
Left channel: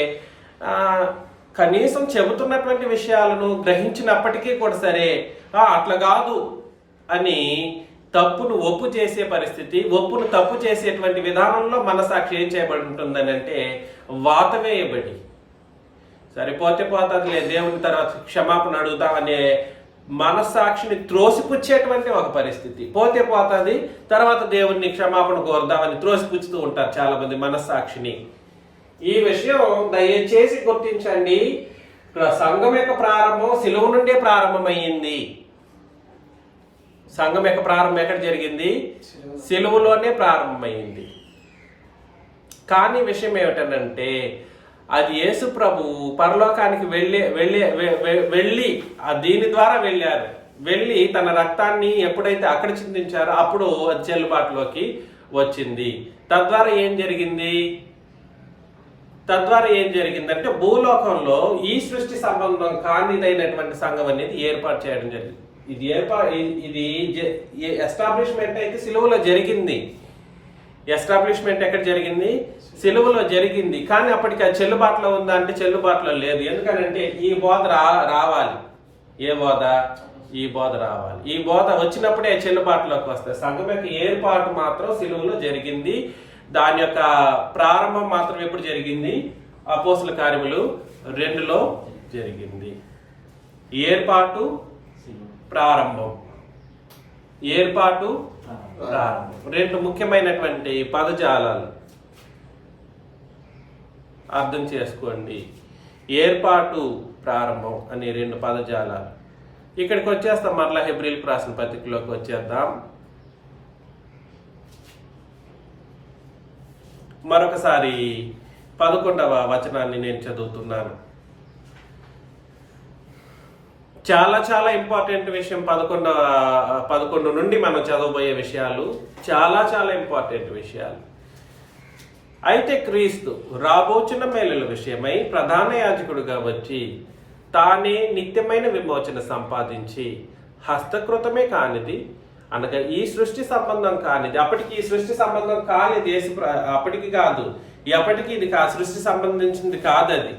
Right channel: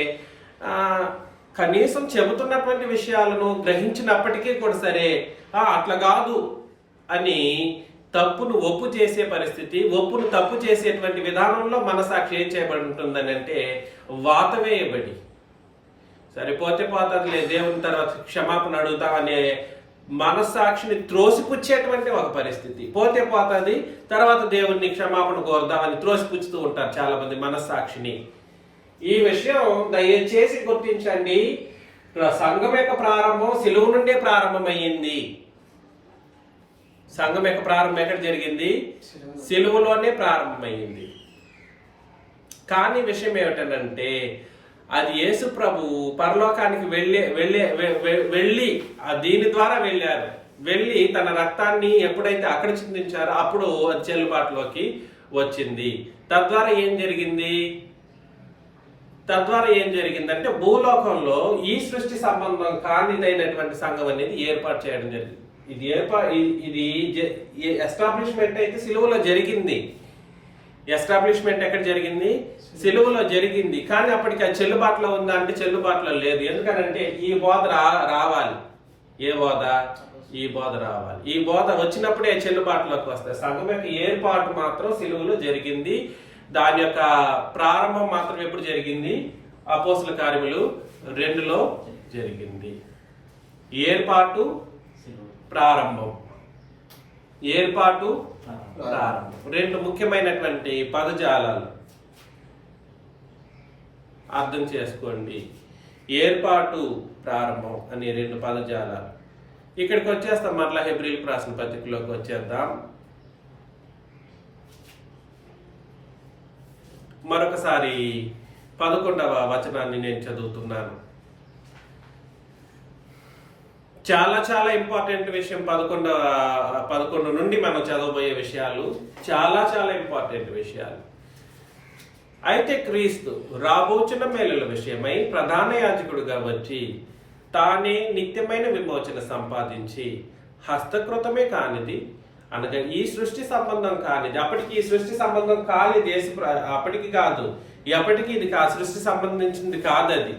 కనీసం చెబుతున్నటువంటి విషయాలను గ్రహించినప్పటికీ కూడా సరే అట్లా కాదు అని తప్పును ఒప్పు చేసే పరిస్థితి, ఒప్పును తప్పు చేసేటువంటి విధానంలో మనస్సాక్షి ఏం చేయబడి ఉంటుందని అంటే వాత వేయబడి, సరిపోతే పోతుంది దేవుని తర్వాత క్షమాపణ అడుగుతామనే మనస్సాక్షిని త్రోసిపుచ్చేటువంటి ఒక పరిస్థితి. పోతే పోతుంది, తర్వాత దేవుణ్ణి క్షమాపణ కోరుదామని త్రోసిపుచ్చుతూ ఉంటారు చాలా మంది మనస్సాక్షిని. ఈ విషయం దయచేసి గుర్తించండి. సంఘం యొక్క ప్రారంభం సిలువ నుండే ప్రారంభమైంది. సంఘం యొక్క ప్రారంభం ఎక్కడ జరిగింది? సిలువలోనే ప్రారంభమైంది. కానీ విషయం ఏమిటంటే, అది యేసు ప్రభు పరలోకానికి వెళ్ళి దీని ద్వారా వెళ్ళారు. వెళ్ళి తన రక్తాన్ని ఎప్పుడైతే అక్కడ చిందించారో అప్పుడు అది చెల్లుబాటులోకి వచ్చింది. తద్వారా ఏం జరిగిందంటే భూలోకంలో ఈ సృష్టి సంబంధం కానిదైనటువంటి సంఘం అనేది ఏర్పాటు చేయడం జరిగింది. ఇది ఎస్టాబ్లిష్మెంట్ అయితే సిలువలో జరిగింది. ఎస్టాబ్లిష్మెంట్ ఎక్కడ జరిగింది? సిలువలో జరిగింది. కానీ అప్పటికి అది చెల్లుబాటులో ఉందా అంటే చెల్లుబాటులో లేదు. ఎందుకనంటే ఈ బోధ రావాలి. ఏ బోధ? ఈ బోధ రావాలి. ఈ బోధ వచ్చినప్పుడే చెల్లుబాటులోకి వస్తాయి. సంఘం యొక్క ఏర్పాటు మాత్రం సిలువలో జరిగింది. దాని యొక్క ప్రారంభం మాత్రం ఎప్పుడు జరిగింది? అపోస్తుల కార్యములు 2లో జరిగింది. ఏర్పాటు, ప్రారంభం. ఏర్పాటు, ప్రారంభం 2 ముఖ్యమైనటువంటి పదజాలాలు అర్థం చేసుకోండి. ఏర్పాటు, ప్రారంభం అనే 2 పదజాలాలు. ఇక్కడికి వచ్చేస్తాం. మరలా హెబ్రీయులకు రాసిన పత్రికలోకి వచ్చేద్దాం. మరొకసారి 11వ వచనాన్ని నేను చదువుతున్నాను. చాలా చాలా ఇంపార్టెంట్ విషయం. 11 నుండి మనం చదవబోయే విషయాలు చాలా చాలా ఇంపార్టెంట్ విషయాలు. అయితే క్రీస్తు రాబోచున్న మేలుల విషయమై ప్రధాన యాజకుడిగా వచ్చి తానే నిత్యమైన విమోచన సంపాదించి హస్తకృతమే కానిది, అనగా ఈ సృష్టి సంబంధం కానిది. అప్పటికి ఈ సృష్టి సంబంధం కాలేదు. అప్పటికి కాదు, ఎప్పటికీ ఇది సృష్టి సంబంధించింది కాదు. అది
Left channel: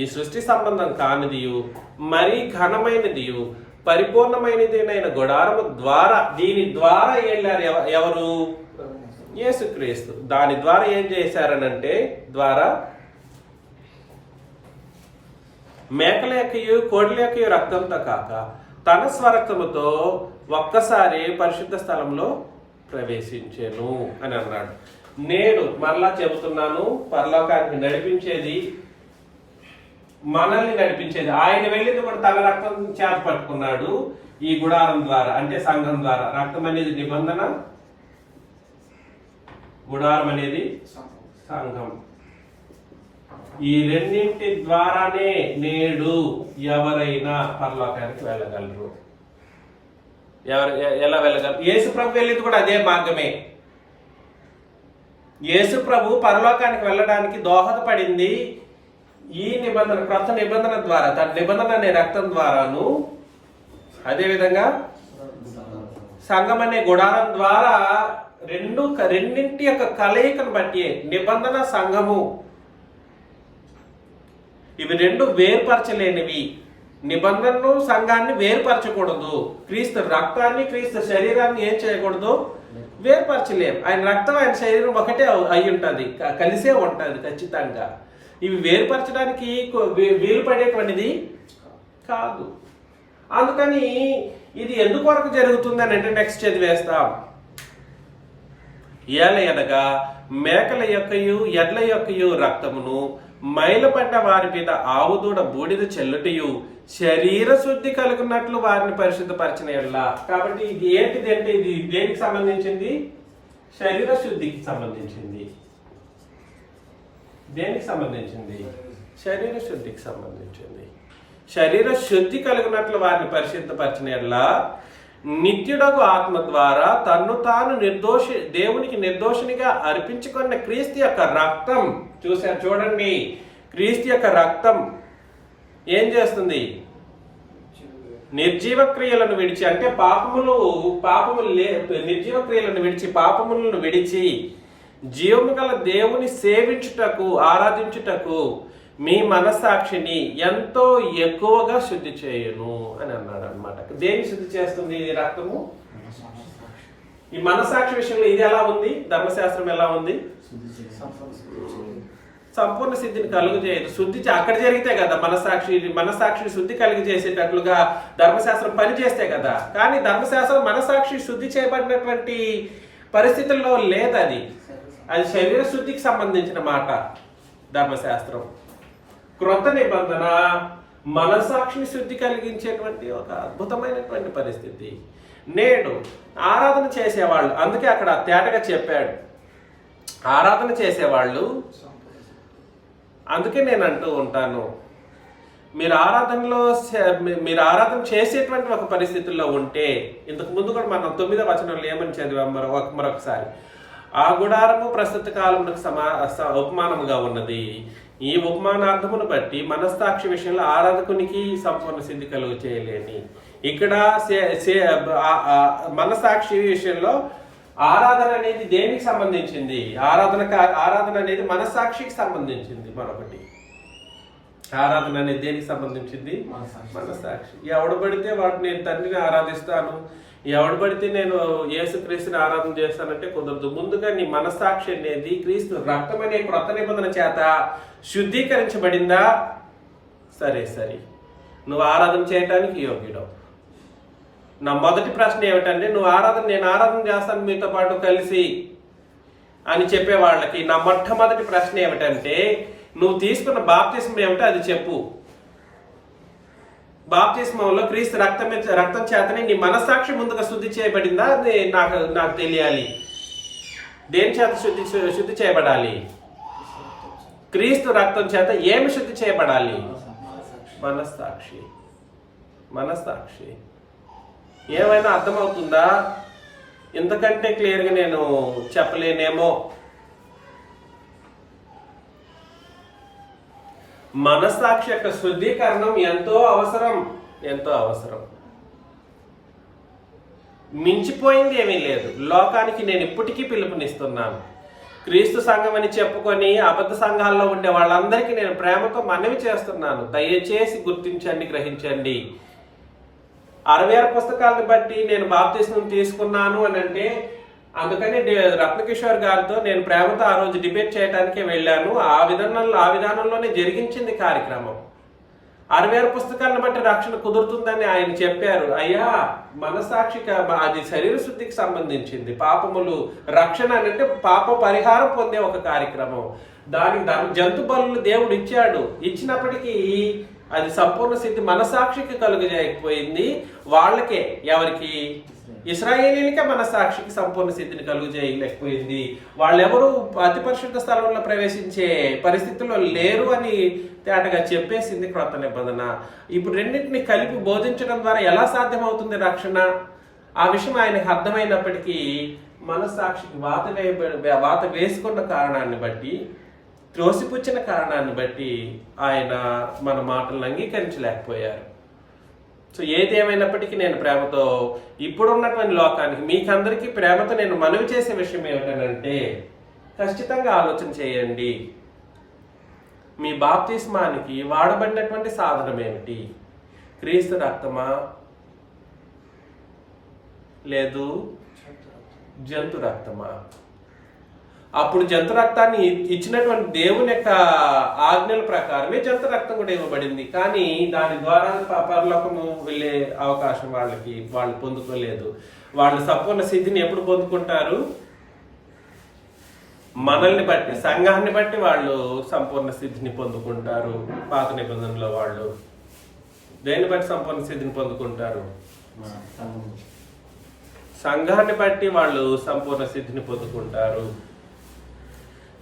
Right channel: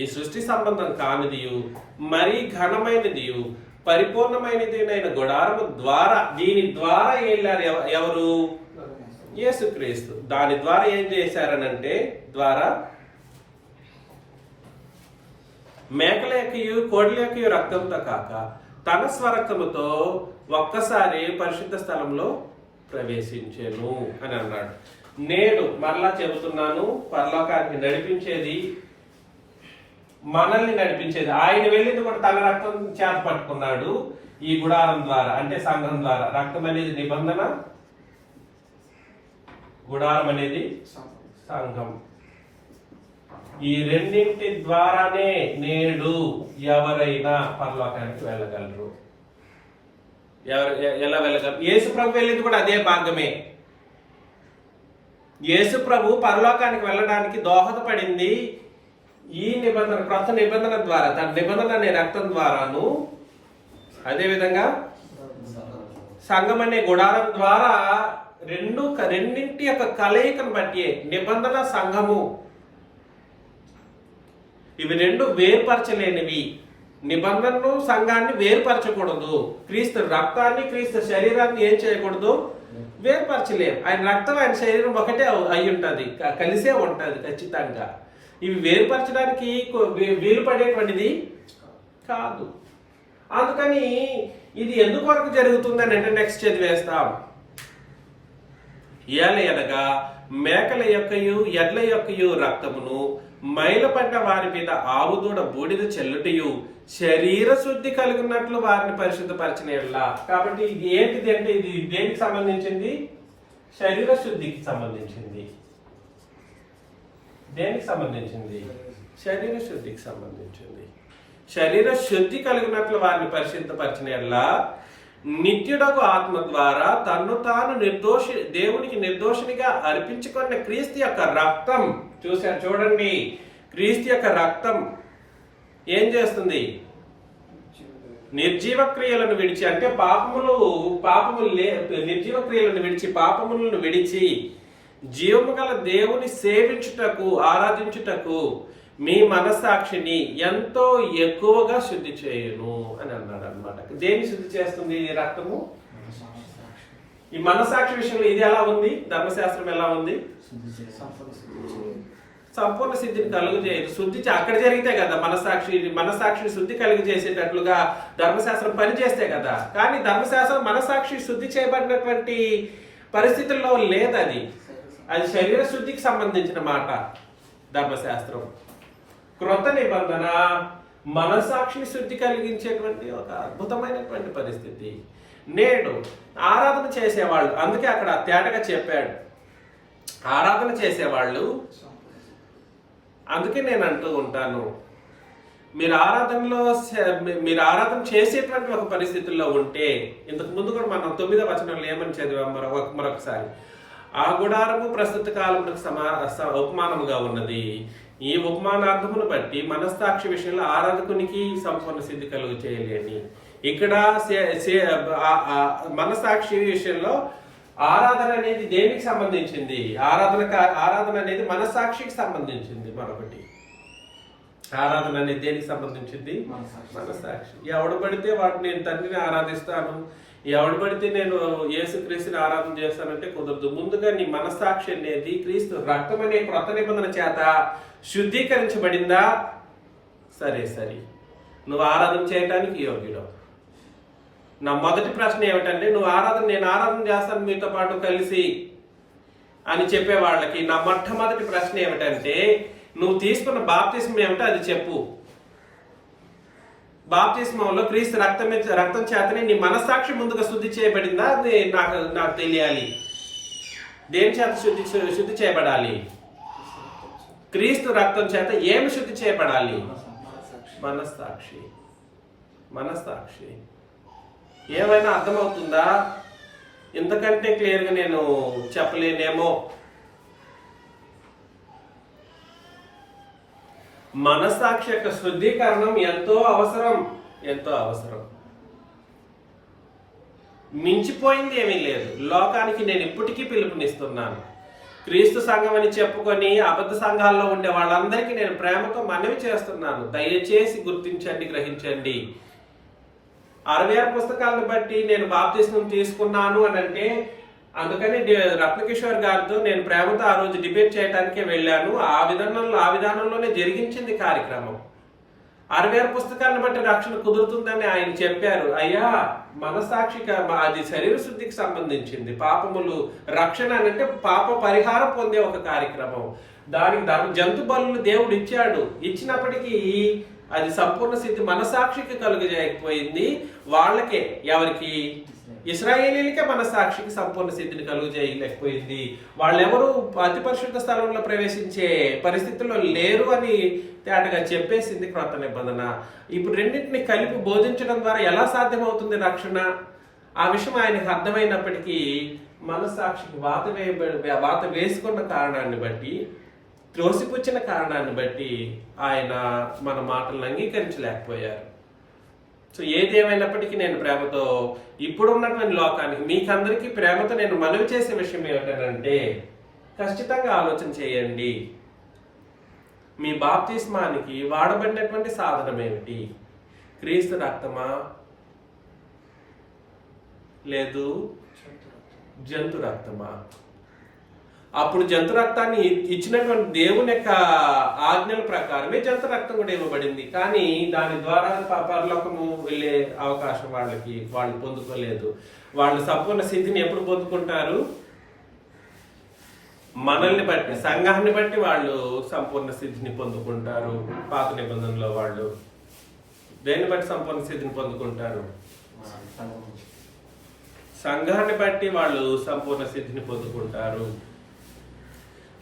ఈ సృష్టి సంబంధం కానిది, మరీ ఘనమైనది, పరిపూర్ణమైనది అయిన గుడారము ద్వారా, దీని ద్వారా వెళ్ళారు ఎవరు? యేసుక్రీస్తు. దాని ద్వారా ఏం చేశారనంటే, ద్వారా మేకల యొక్కయు కోడిల యొక్కయు రక్తంతో కాక తన స్వరక్తముతో ఒక్కసారి పరిశుద్ధ స్థలంలో ప్రవేశించెను అని అన్నాడు. నేడు మరలా చెబుతున్నాను, పరలోకానికి నడిపించేది, మనల్ని నడిపించేది ఆయన. వెళ్ళింది కూడా తన రక్తం చేత పట్టుకున్నాడు. ఈ గుడారం ద్వారా, అంటే సంఘం ద్వారా. రక్తం అనేది నిబంధన, గుడారం అనేది సంఘం. ఈ రెండింటి ద్వారానే నేడు ఎవరైనా పరలోకానికి వెళ్ళగలరు. ఎలా వెళ్ళగలరు? యేసు ప్రభు వెళ్ళింది కూడా అదే మార్గమే. యేసు ప్రభు పరలోకానికి వెళ్ళడానికి దోహదపడింది ఈ నిబంధన, క్రొత్త నిబంధన ద్వారా, తన నిబంధన అనే రక్తం ద్వారాను, అదేవిధంగా సంఘం అనే గుడారం ద్వారా. రెండింటి యొక్క కలయికను బట్టి నిబంధన, సంఘము, ఇవి 2 వేరుపరచలేనివి. నిబంధనను, సంఘాన్ని వేరుపరచకూడదు. క్రీస్తు రక్తాన్ని, క్రీస్తు శరీరాన్ని ఏం చేయకూడదు? వేరుపరచలేం. ఆయన రక్తం, ఆయన శరీరం ఒకటే అయి ఉంటుంది, కలిసే ఉంటుంది ఖచ్చితంగా. ఇవి వేరుపరచడానికి వీలు పడేటువంటిది కాదు. అందుకని ఇది ఎందుకు వరకు జరుగుతుంది అని అంటే నెక్స్ట్ చదివేస్తాం. ఏలయనగా మేకల యొక్కయు ఎడ్ల యొక్కయు రక్తమును మైలపడ్డ వారి మీద ఆవుదూడ బూడిద చెల్లుటయు శరీర శుద్ధి కలుగున్నట్లు వారిని పరిశుద్ధపరిచిన ఎడల. కాబట్టి ఇది ఏంటిది అంటే, ఇది దేనికి సంబంధించింది? శరీర శుద్ధికి సంబంధించింది. దేనికి సంబంధించింది? శరీర శుద్ధికి సంబంధించింది. శరీర శుద్ధి కలిగినట్లు వారిని పరిశుద్ధపరిచిన ఎడల నిత్యుడగు ఆత్మ ద్వారా తన్ను తాను దేవునికి నిర్దోషినిగా అర్పించుకున్న క్రీస్తు యొక్క రక్తం. చూశారు చూడండి, క్రీస్తు యొక్క రక్తం ఏం చేస్తుంది? నిర్జీవ క్రియలను విడిచి, అంటే నిర్జీవ క్రియలను విడిచి, పాపములను విడిచి జీవము గల దేవుని సేవించుటకు, ఆరాధించుటకు మీ మనస్సాక్షిని ఎంతో ఎక్కువగా శుద్ధి చేయను అని అన్నాడు అనమాట. దేన్ని శుద్ధి చేస్తుంది ఈ రక్తము? ఈ మనస్సాక్షి విషయంలో ఇది ఎలా ఉంది? ధర్మశాస్త్రం ఎలా ఉంది? సంపూర్ణ సిద్ధిని కలుగజేయదు. శుద్ధి అక్కడ జరిగితే కదా మనస్సాక్షిని శుద్ధి కలుగజేసేటట్లుగా ధర్మశాస్త్రం పనిచేస్తే కదా. కానీ ధర్మశాస్త్రం మనస్సాక్షి శుద్ధి చేయబడినటువంటి పరిస్థితుల్లో లేదు. అది శరీర శుద్ధికి సంబంధించిన మాట ధర్మశాస్త్రం. క్రొత్త నిబంధన మనస్సాక్షిని శుద్ధి కలిగించేటువంటి ఒక అద్భుతమైనటువంటి పరిస్థితి. నేడు ఆరాధన చేసేవాళ్ళు, అందుకే అక్కడ తేటగా చెప్పాడు ఆరాధన చేసేవాళ్ళు. అందుకే నేను అంటూ ఉంటాను, మీరు ఆరాధన చేసేటువంటి ఒక పరిస్థితుల్లో ఉంటే, ఇంతకు ముందు కూడా మనం 9వ వచనంలో ఏమని చదివాం మరొకసారి, ఆ గుడారము ప్రస్తుత కాలమునకు ఉపమానముగా ఉన్నది. ఈ ఉపమానార్థమును బట్టి మనస్సాక్షి విషయంలో ఆరాధకునికి సంపూర్ణ సిద్ధి కలుగు చేయలేని. ఇక్కడ మనస్సాక్షి విషయంలో ఆరాధన అనేది దేనికి సంబంధించింది? ఆరాధన అనేది మనస్సాక్షికి సంబంధించింది. మరొకటి, ఆరాధన అనేది దేనికి సంబంధించింది? మనస్సాక్షి. ఎవడు పడితే వాడు నేను తండ్రిని ఆరాధిస్తాను, ఎవడు పడితే నేను యేసుక్రీస్తుని ఆరాధన చేస్తానంటే కుదరదు. ముందుగా నీ మనస్సాక్షి అనేది క్రీస్తు రక్తం అనే క్రొత్త నిబంధన చేత శుద్ధీకరించబడిందా? సరే, నువ్వు ఆరాధన చేయటానికి యోగ్యుడవు. నా మొదటి ప్రశ్న ఏమిటంటే, నేను ఆరాధన చేస్తాను మీతో పాటు కలిసి అని చెప్పే వాళ్ళకి నా మొట్టమొదటి ప్రశ్న ఏమిటంటే, నువ్వు తీసుకున్న బాప్తిస్మం ఏమిటో అది చెప్పు. బాప్తిస్మంలో క్రీస్తు రక్తం చేతనే నీ మనస్సాక్షి ముందుగా శుద్ధి చేయబడిందా? అది నాకు తెలియాలి. దేని చేత శుద్ధి చేయబడాలి? క్రీస్తు రక్తం చేత ఏమి శుద్ధి చేయబడాలి? మనస్సాక్షి. ఏమైనా అర్థమవుతుందా? ఇంతకంటే క్లియర్గా నేను చెప్పలేనేమో. మనస్సాక్షి యొక్క శుద్ధీకరణం ఎంతో అవసరం. మించిపోయింది ఏమీ లేదు. లోకానికి నేను ఇప్పటికీ పిలుపునిస్తున్నాను. క్రీస్తు సంఘం అని చెప్పుకొని అబద్ధ సంఘాల్లో ఉండే వాళ్ళందరికీ నేను ప్రేమతో మనవి చేస్తున్నాను. దయచేసి గుర్తించండి, గ్రహించండి. 66 పుస్తకాలను బట్టి నేను బాప్తిస్మం తీసుకున్నాను అని అంటే, అందుకని రత్నకిషోర్ గారితో నేను ప్రేమతో ఆ రోజు డిబేట్ చేయడానికే వెళ్ళాను. ఆ విధానంలోనే జరిగించింది కార్యక్రమం. 66 పుస్తకాలను బట్టి రక్షణ కుదురుతుందని ఆయన చెప్పారు. అయ్యా, మనస్సాక్షిక అది శరీర శుద్ధికి సంబంధించింది. పాపములు రక్షణ అంటే పాప పరిహారం పొందే ఒక కార్యక్రమం. దానికి జంతు బలులు దేవుడు ఇచ్చినప్పటికీ అది సంపూర్ణ స్థితి మనస్సాక్షికి కలుగజేయకపోయింది. వాళ్ళకే, ఎవరికి? ఇశ్రాయేలీలకే మనస్సాక్షికి సంపూర్ణ స్థితిని కలుగజేయలేకపోయింది. వాళ్ళెవరూ అతి పరిశుద్ధ స్థలంలో ప్రవేశించే పరిస్థితుల్లో లేరు అని తేటగా చెప్పేసింది క్రొత్త నిబంధన. ఇప్పుడు రెండింటిని కలిపి బోధించడం ద్వారా ఎలా సాధ్యమవుతుంది రక్షణ? ఆ విషయం ఆయనకు అర్థమైనప్పటికీ మనస్సాక్షికి వాత వేసుకున్న కారణాన్ని బట్టి, త్రోసిపుచ్చిన కారణాన్ని బట్టి ఆయన మన మాటలను అంగీకరించలేకపోయారు. సో ఏది ఏమైనప్పటికీ నేను ప్రేమతో ఇప్పుడున్నటువంటి లోకానికి, మీకందరికీ ప్రేమతో నేను మనవి చేసే విషయం ఏమిటంటే, ఖచ్చితంగా ఆలోచన చేయండి. మీ బాప్తిస్మానికి వాడబడినటువంటి సాధనం ఏమిటి? క్రీస్తు రక్తమా, లేదు జంతు రక్తమా? అప్పుడు జంతు రక్తాన్ని ఇచ్చినటువంటి దేవుని యొక్క ఆజ్ఞల ప్రకారమే జంతు రక్తం కూడా ఇవ్వబడింది. కానీ దాని ద్వారా పరలోకము వెళ్ళే అవకాశం వాళ్ళు పొందుకోలేదు. వాళ్ళు సంపూర్ణ సిద్ధిని ఎప్పుడు పొందుకుంటారు? మనల్ని బట్టి, సంఘాన్ని బట్టి వాళ్ళు సంపూర్ణ సిద్ధిని పొందుకుంటారు. పాత నిబంధనలో వాళ్ళు దేన్ని బట్టి సంపూర్ణ సిద్ధిని పొందుకుంటారు? సంఘాన్ని బట్టి వాళ్ళు సంపూర్ణ సిద్ధిని పొందుకుంటారు.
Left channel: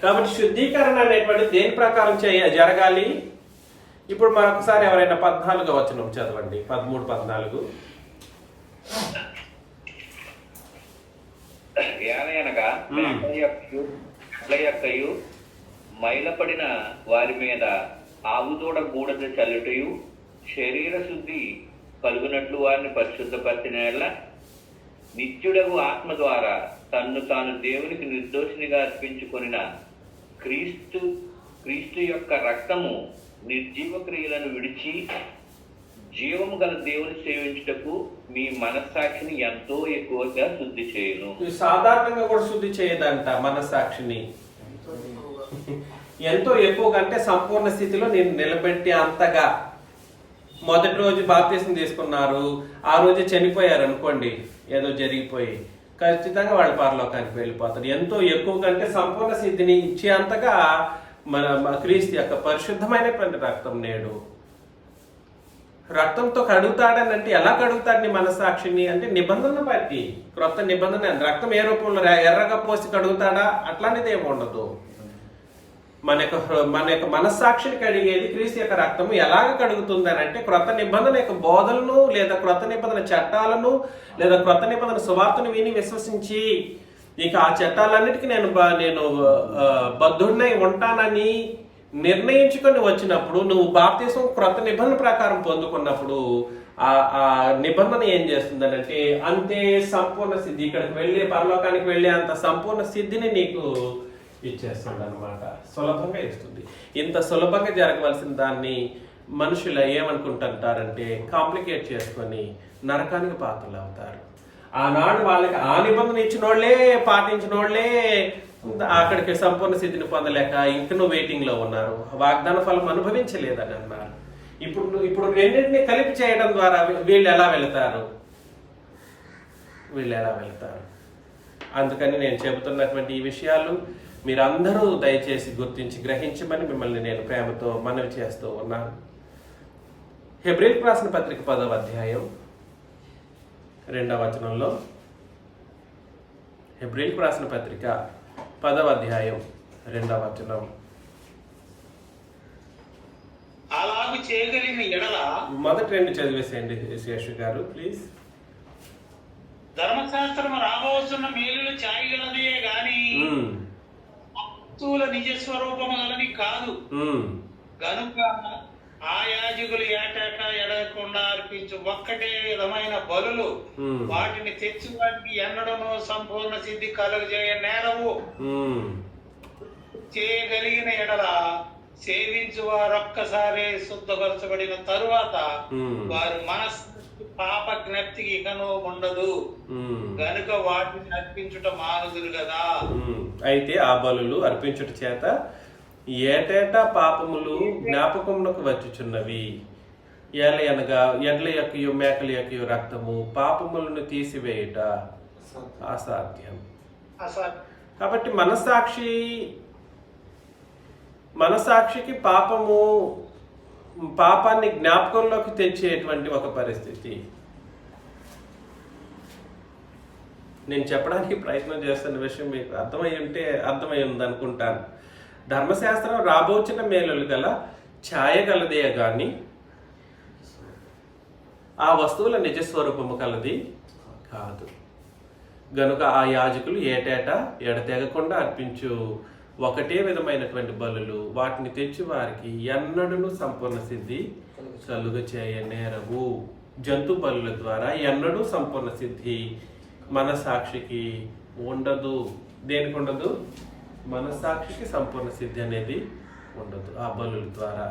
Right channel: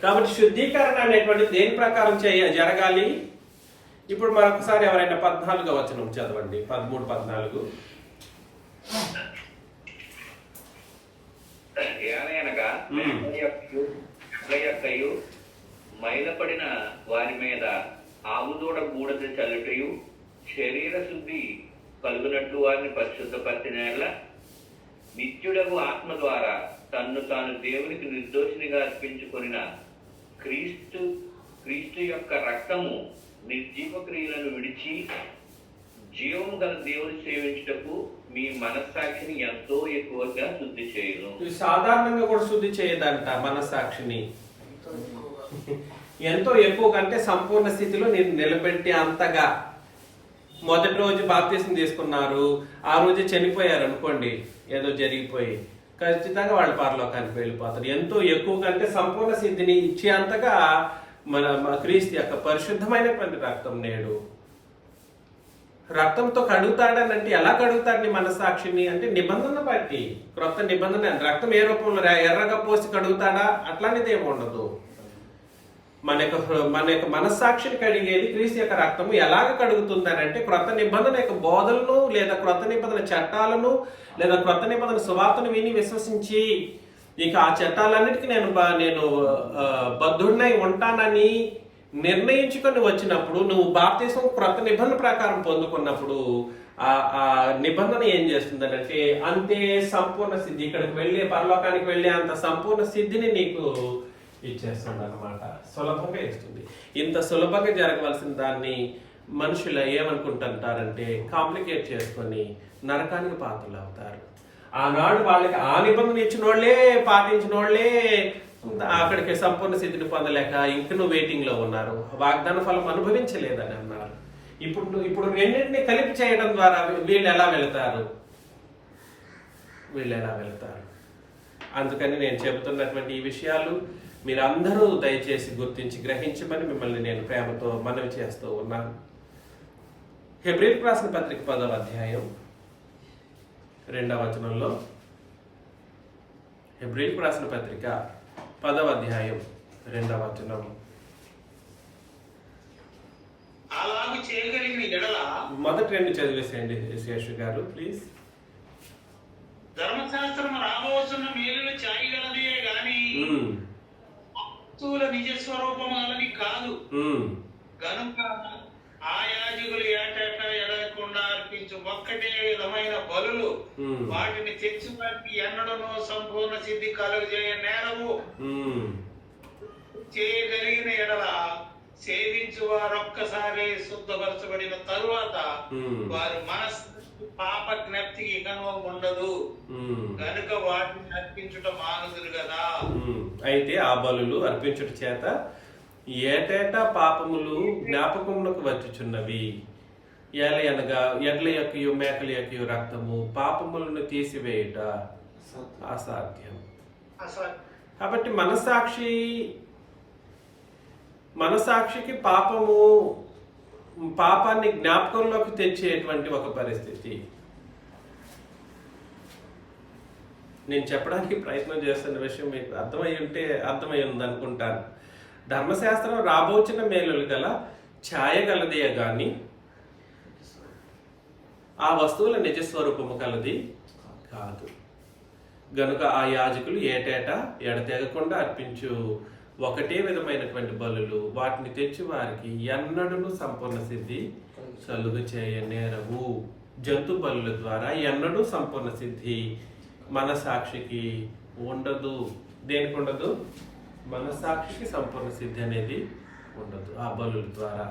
కాబట్టి శుద్ధీకరణ అనేటువంటి దేని ప్రకారం జరగాలి? ఇప్పుడు మరొకసారి ఎవరైనా 14వ వచనం చదవండి. 13, 14. ఏలయనగా మైలపడిన వారి మీద ఆవుదూడ బూడిద చల్లుటయు, శరీర శుద్ధి కలుగునట్లు వారిని పరిశుద్ధపరిచిన యెడల నిత్యుడగు ఆత్మ ద్వారా తన్ను తాను దేవునికి నిర్దోషినిగా అర్పించుకొనిన క్రీస్తు యొక్క రక్తము నిర్జీవ క్రియలను విడిచి జీవము గల దేవుని సేవించుటకు మీ మనస్సాక్షిని ఎంతో ఎక్కువగా శుద్ధి చేయను. సాధారణంగా కూడా శుద్ధి చేయదంట మనస్సాక్షిని. ఎంతో ఎక్కువ కంటే సంపూర్ణ స్థితిలో నేను నిలబెట్టి అంతగా. మొదటి రోజు బాప్తిస్మం తీసుకున్నారు, ఆ రోజు చనిపోయారు అనుకోండి, ఏదో జరిగిపోయి, ఖచ్చితంగా వాళ్ళు పరలోకానికి వెళ్ళిపోతారు. ఎంతో ఎక్కువ కంటే సంపూర్ణ సిద్ధిని ఇచ్చేంతగా మన క్రీస్తు యొక్క పరిశుద్ధమైనటువంటి రక్తం నేడు. రక్తంతో కడుగుతాడని అంటే ఎలా కడుగుతాడని మనస్సాక్షిని అంటే నిబంధన బట్టి, క్రొత్త నిబంధన. రక్తం ఏ రూపంలో ఎర్రగా పోసి కడుగుతాడా? అట్లాంటిది ఏమి ఉండదు. మన యొక్క మనస్సాక్షిని కడిగేది క్రీస్తు యొక్క రక్తము. ఎలాగ కడుగుతుంది అని అంటే క్రొత్త నిబంధన యొక్క బోధనలు, లేదా క్రొత్త నిబంధన చట్టాలను, లేదా క్రొత్త నిబంధన సువార్తను విని విశ్వసించి, ఇక ఆ చట్టాలన్నిటికీ నేను బద్ధుడినై ఉంటానని నిర్ణయించుకొని వచ్చినప్పుడు, నువ్వు బాప్తిసం క్రొత్త నిబంధన ప్రకారం పొందుకున్నప్పుడు ఆ నిబంధన ఏం చేస్తుందంటే అంతే సంపూర్ణ సిద్ధి, ఇక్కడికి వెళ్ళే పరలోకానికి వెళ్ళే అంత సంపూర్ణ సిద్ధిని నీకు ఇచ్చేస్తుంది అనమాట. సులభంగా ఇస్తుంది. ఇంత సులభంగా జరగవలసిన దాన్ని మనుషులు ఏమనుకుంటుంటారంటే కాంప్లికేట్ చేసుకొని నరకానికి పాత్రలు అవుతారు. ఆనాడు వాళ్ళకి ఆ నిబంధన ఇచ్చిన వాళ్ళే, పాటించిన వాళ్ళే అక్కడికి సంపూర్ణ స్థితిని పొందలేక ఇంకనూ వెయిటింగ్ లో ఉన్నారు, వాగ్దాన ఫలం అనుభవించలేదని అన్నారు. ఇప్పుడు రెండింటిని కలిపి చేయడం ద్వారా వీళ్ళు ఎలా వెళతారు? అందుకని నేను చెబుతున్నటువంటి ఈ విషయాలు మీరందరూ దయచేసి గుర్తించి గ్రహించమని మిమ్మల్ని నేను ప్రేమతో మనవి చేస్తూ ఉన్నాను. హెబ్రీయులకు రాసిన పత్రిక 10వ అధ్యాయం 2వ వచనంలో, హెబ్రీయులకు రాసిన పత్రిక 10వ అధ్యాయం 2వ వచనం, అలాగూ చేయగలిగిన ఎడల, మొదటి 2 చదివేసేయండి శేషు గారు ప్లీజ్. ధర్మశాస్త్రం రాబోతున్న మేలులు చాయగలదే గాని వస్తువుల నిజ స్వరూపము గలవి కాదు. గనుక ఆ యాజకులు ఏటేటా ఎడగకుండా అర్పించు ఒక్కటే విధమైన బలులు వాటిని తెచ్చువాటికి ఎన్నడను సంపూర్ణ సిద్ధి కలుగజేయ నేరవు. చేయగలిగిన ఎడల సేవించు వారొక్కసారి శుద్ధపరచబడిన తరువాత వారు మనస్సు పాప జ్ఞప్తికి ఇకను ఉండదు, గనుక వాటిని అర్పించుట మానుదురు కదా. అయితే ఆ బలులు అర్పించుట చేత ఏటేటా పాపములు జ్ఞాపకమునకు వచ్చుచున్నవి. ఏలయనగా ఎడ్ల యొక్కయు మేకల యొక్కయు రక్తము పాపములను తీసివేయుట అసాధ్యం. కాబట్టి మనసాక్షికి పాపాన్ని జ్ఞాపకంలోకి తెచ్చేటువంటి ఒక పరిస్థితి. నేను చెప్పడానికి ప్రయత్నం చేస్తున్న విషయం మీకు అర్థమై ఉంది అనుకుంటాను. ధర్మశాస్త్రం రాబోచిన మేలులు గల ఛాయగలదే గాని ఆ వస్తువుల నిజస్వరూపము కలది కాదు. గనుక ఆ యాజకులు ఏటేటా ఎడతెగకుండా అర్పించు ఒకటే విధమైనటువంటి బలులు వాటిని తెచ్చి వారికి ఎన్నడూ సంపూర్ణ సిద్ధి కలుగ చేయనేరవు. జంతు బలుల ద్వారా ఎన్నడూ సంపూర్ణ సిద్ధి మనసాక్షికి ఉండదు. దేనికి ఉండదు? మనసాక్షికి సంపూర్ణ సిద్ధి అనేది ఉండదు ఆ బలుల ద్వారా.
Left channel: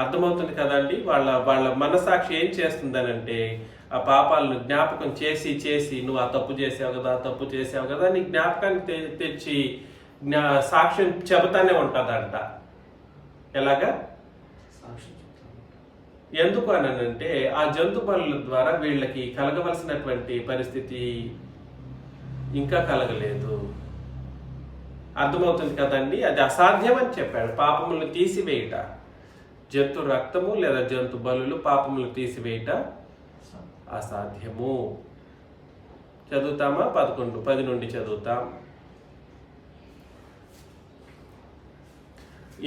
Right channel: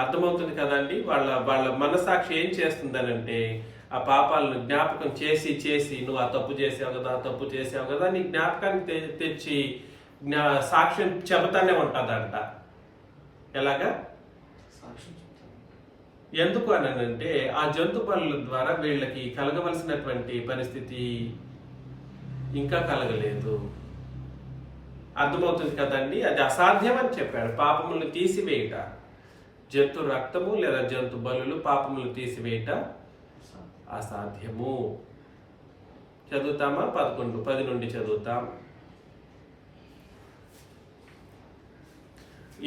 అర్థమవుతుంది కదండి. వాళ్ళ మనసాక్షి ఏం చేస్తుందనంటే ఆ పాపాలను జ్ఞాపకం చేసి నువ్వు ఆ తప్పు చేసావు కదా నీ జ్ఞాపకాన్ని తెచ్చి సాక్ష్యం చెబుతానే ఉంటుందంట. ఎలాగా? ఎందుకు అనంటే ఆ జంతు బలుల ద్వారా వీళ్ళకి కలగవలసినటువంటి పరిస్థితి ఇంకా కలగలేదు. అర్థమవుతుంది కదండి. అది అసాధ్యం అని చెప్పాడు. పాపములు తీసివేయట, జంతు రక్తము లేదా జంతు బలులు పాపములు తీసివేయట అసాధ్యము. చదువుతామా? 10 నుండి చదువుతాం.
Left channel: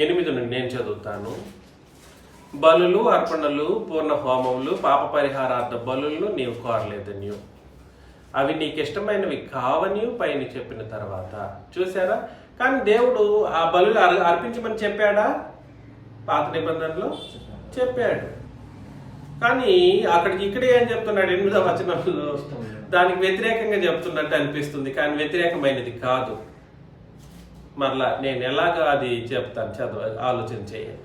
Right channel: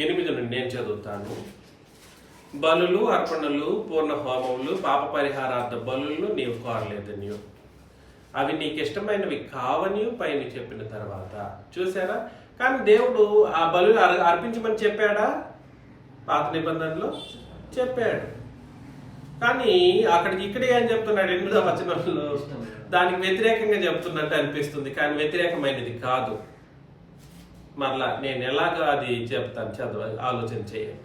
8 నుండి నేను చదువుతాను. బలులు, అర్పణలు, పూర్ణ హోమములు, పాప పరిహారార్థ బలులను నీవు కోరలేదనియు, అవి నీకు ఇష్టమైనవి కావని పైన చెప్పిన తర్వాత. చూసారా? కానీ దేవుడు ఆ బలులు అర్పించమని చెప్పాడా? పాత నిబంధనలో చెప్పాడు. కానీ ఇక్కడే ఏం చెప్తున్నాడు? 8వ వచనంలో దానికి వ్యతిరేకంగా చెప్తున్నట్టు అనిపిస్తుంది, కానీ వ్యతిరేకమైనది కాదు. మరలా నేను ఎలాగ అది చెప్తాను, ఆలోచన చేయండి.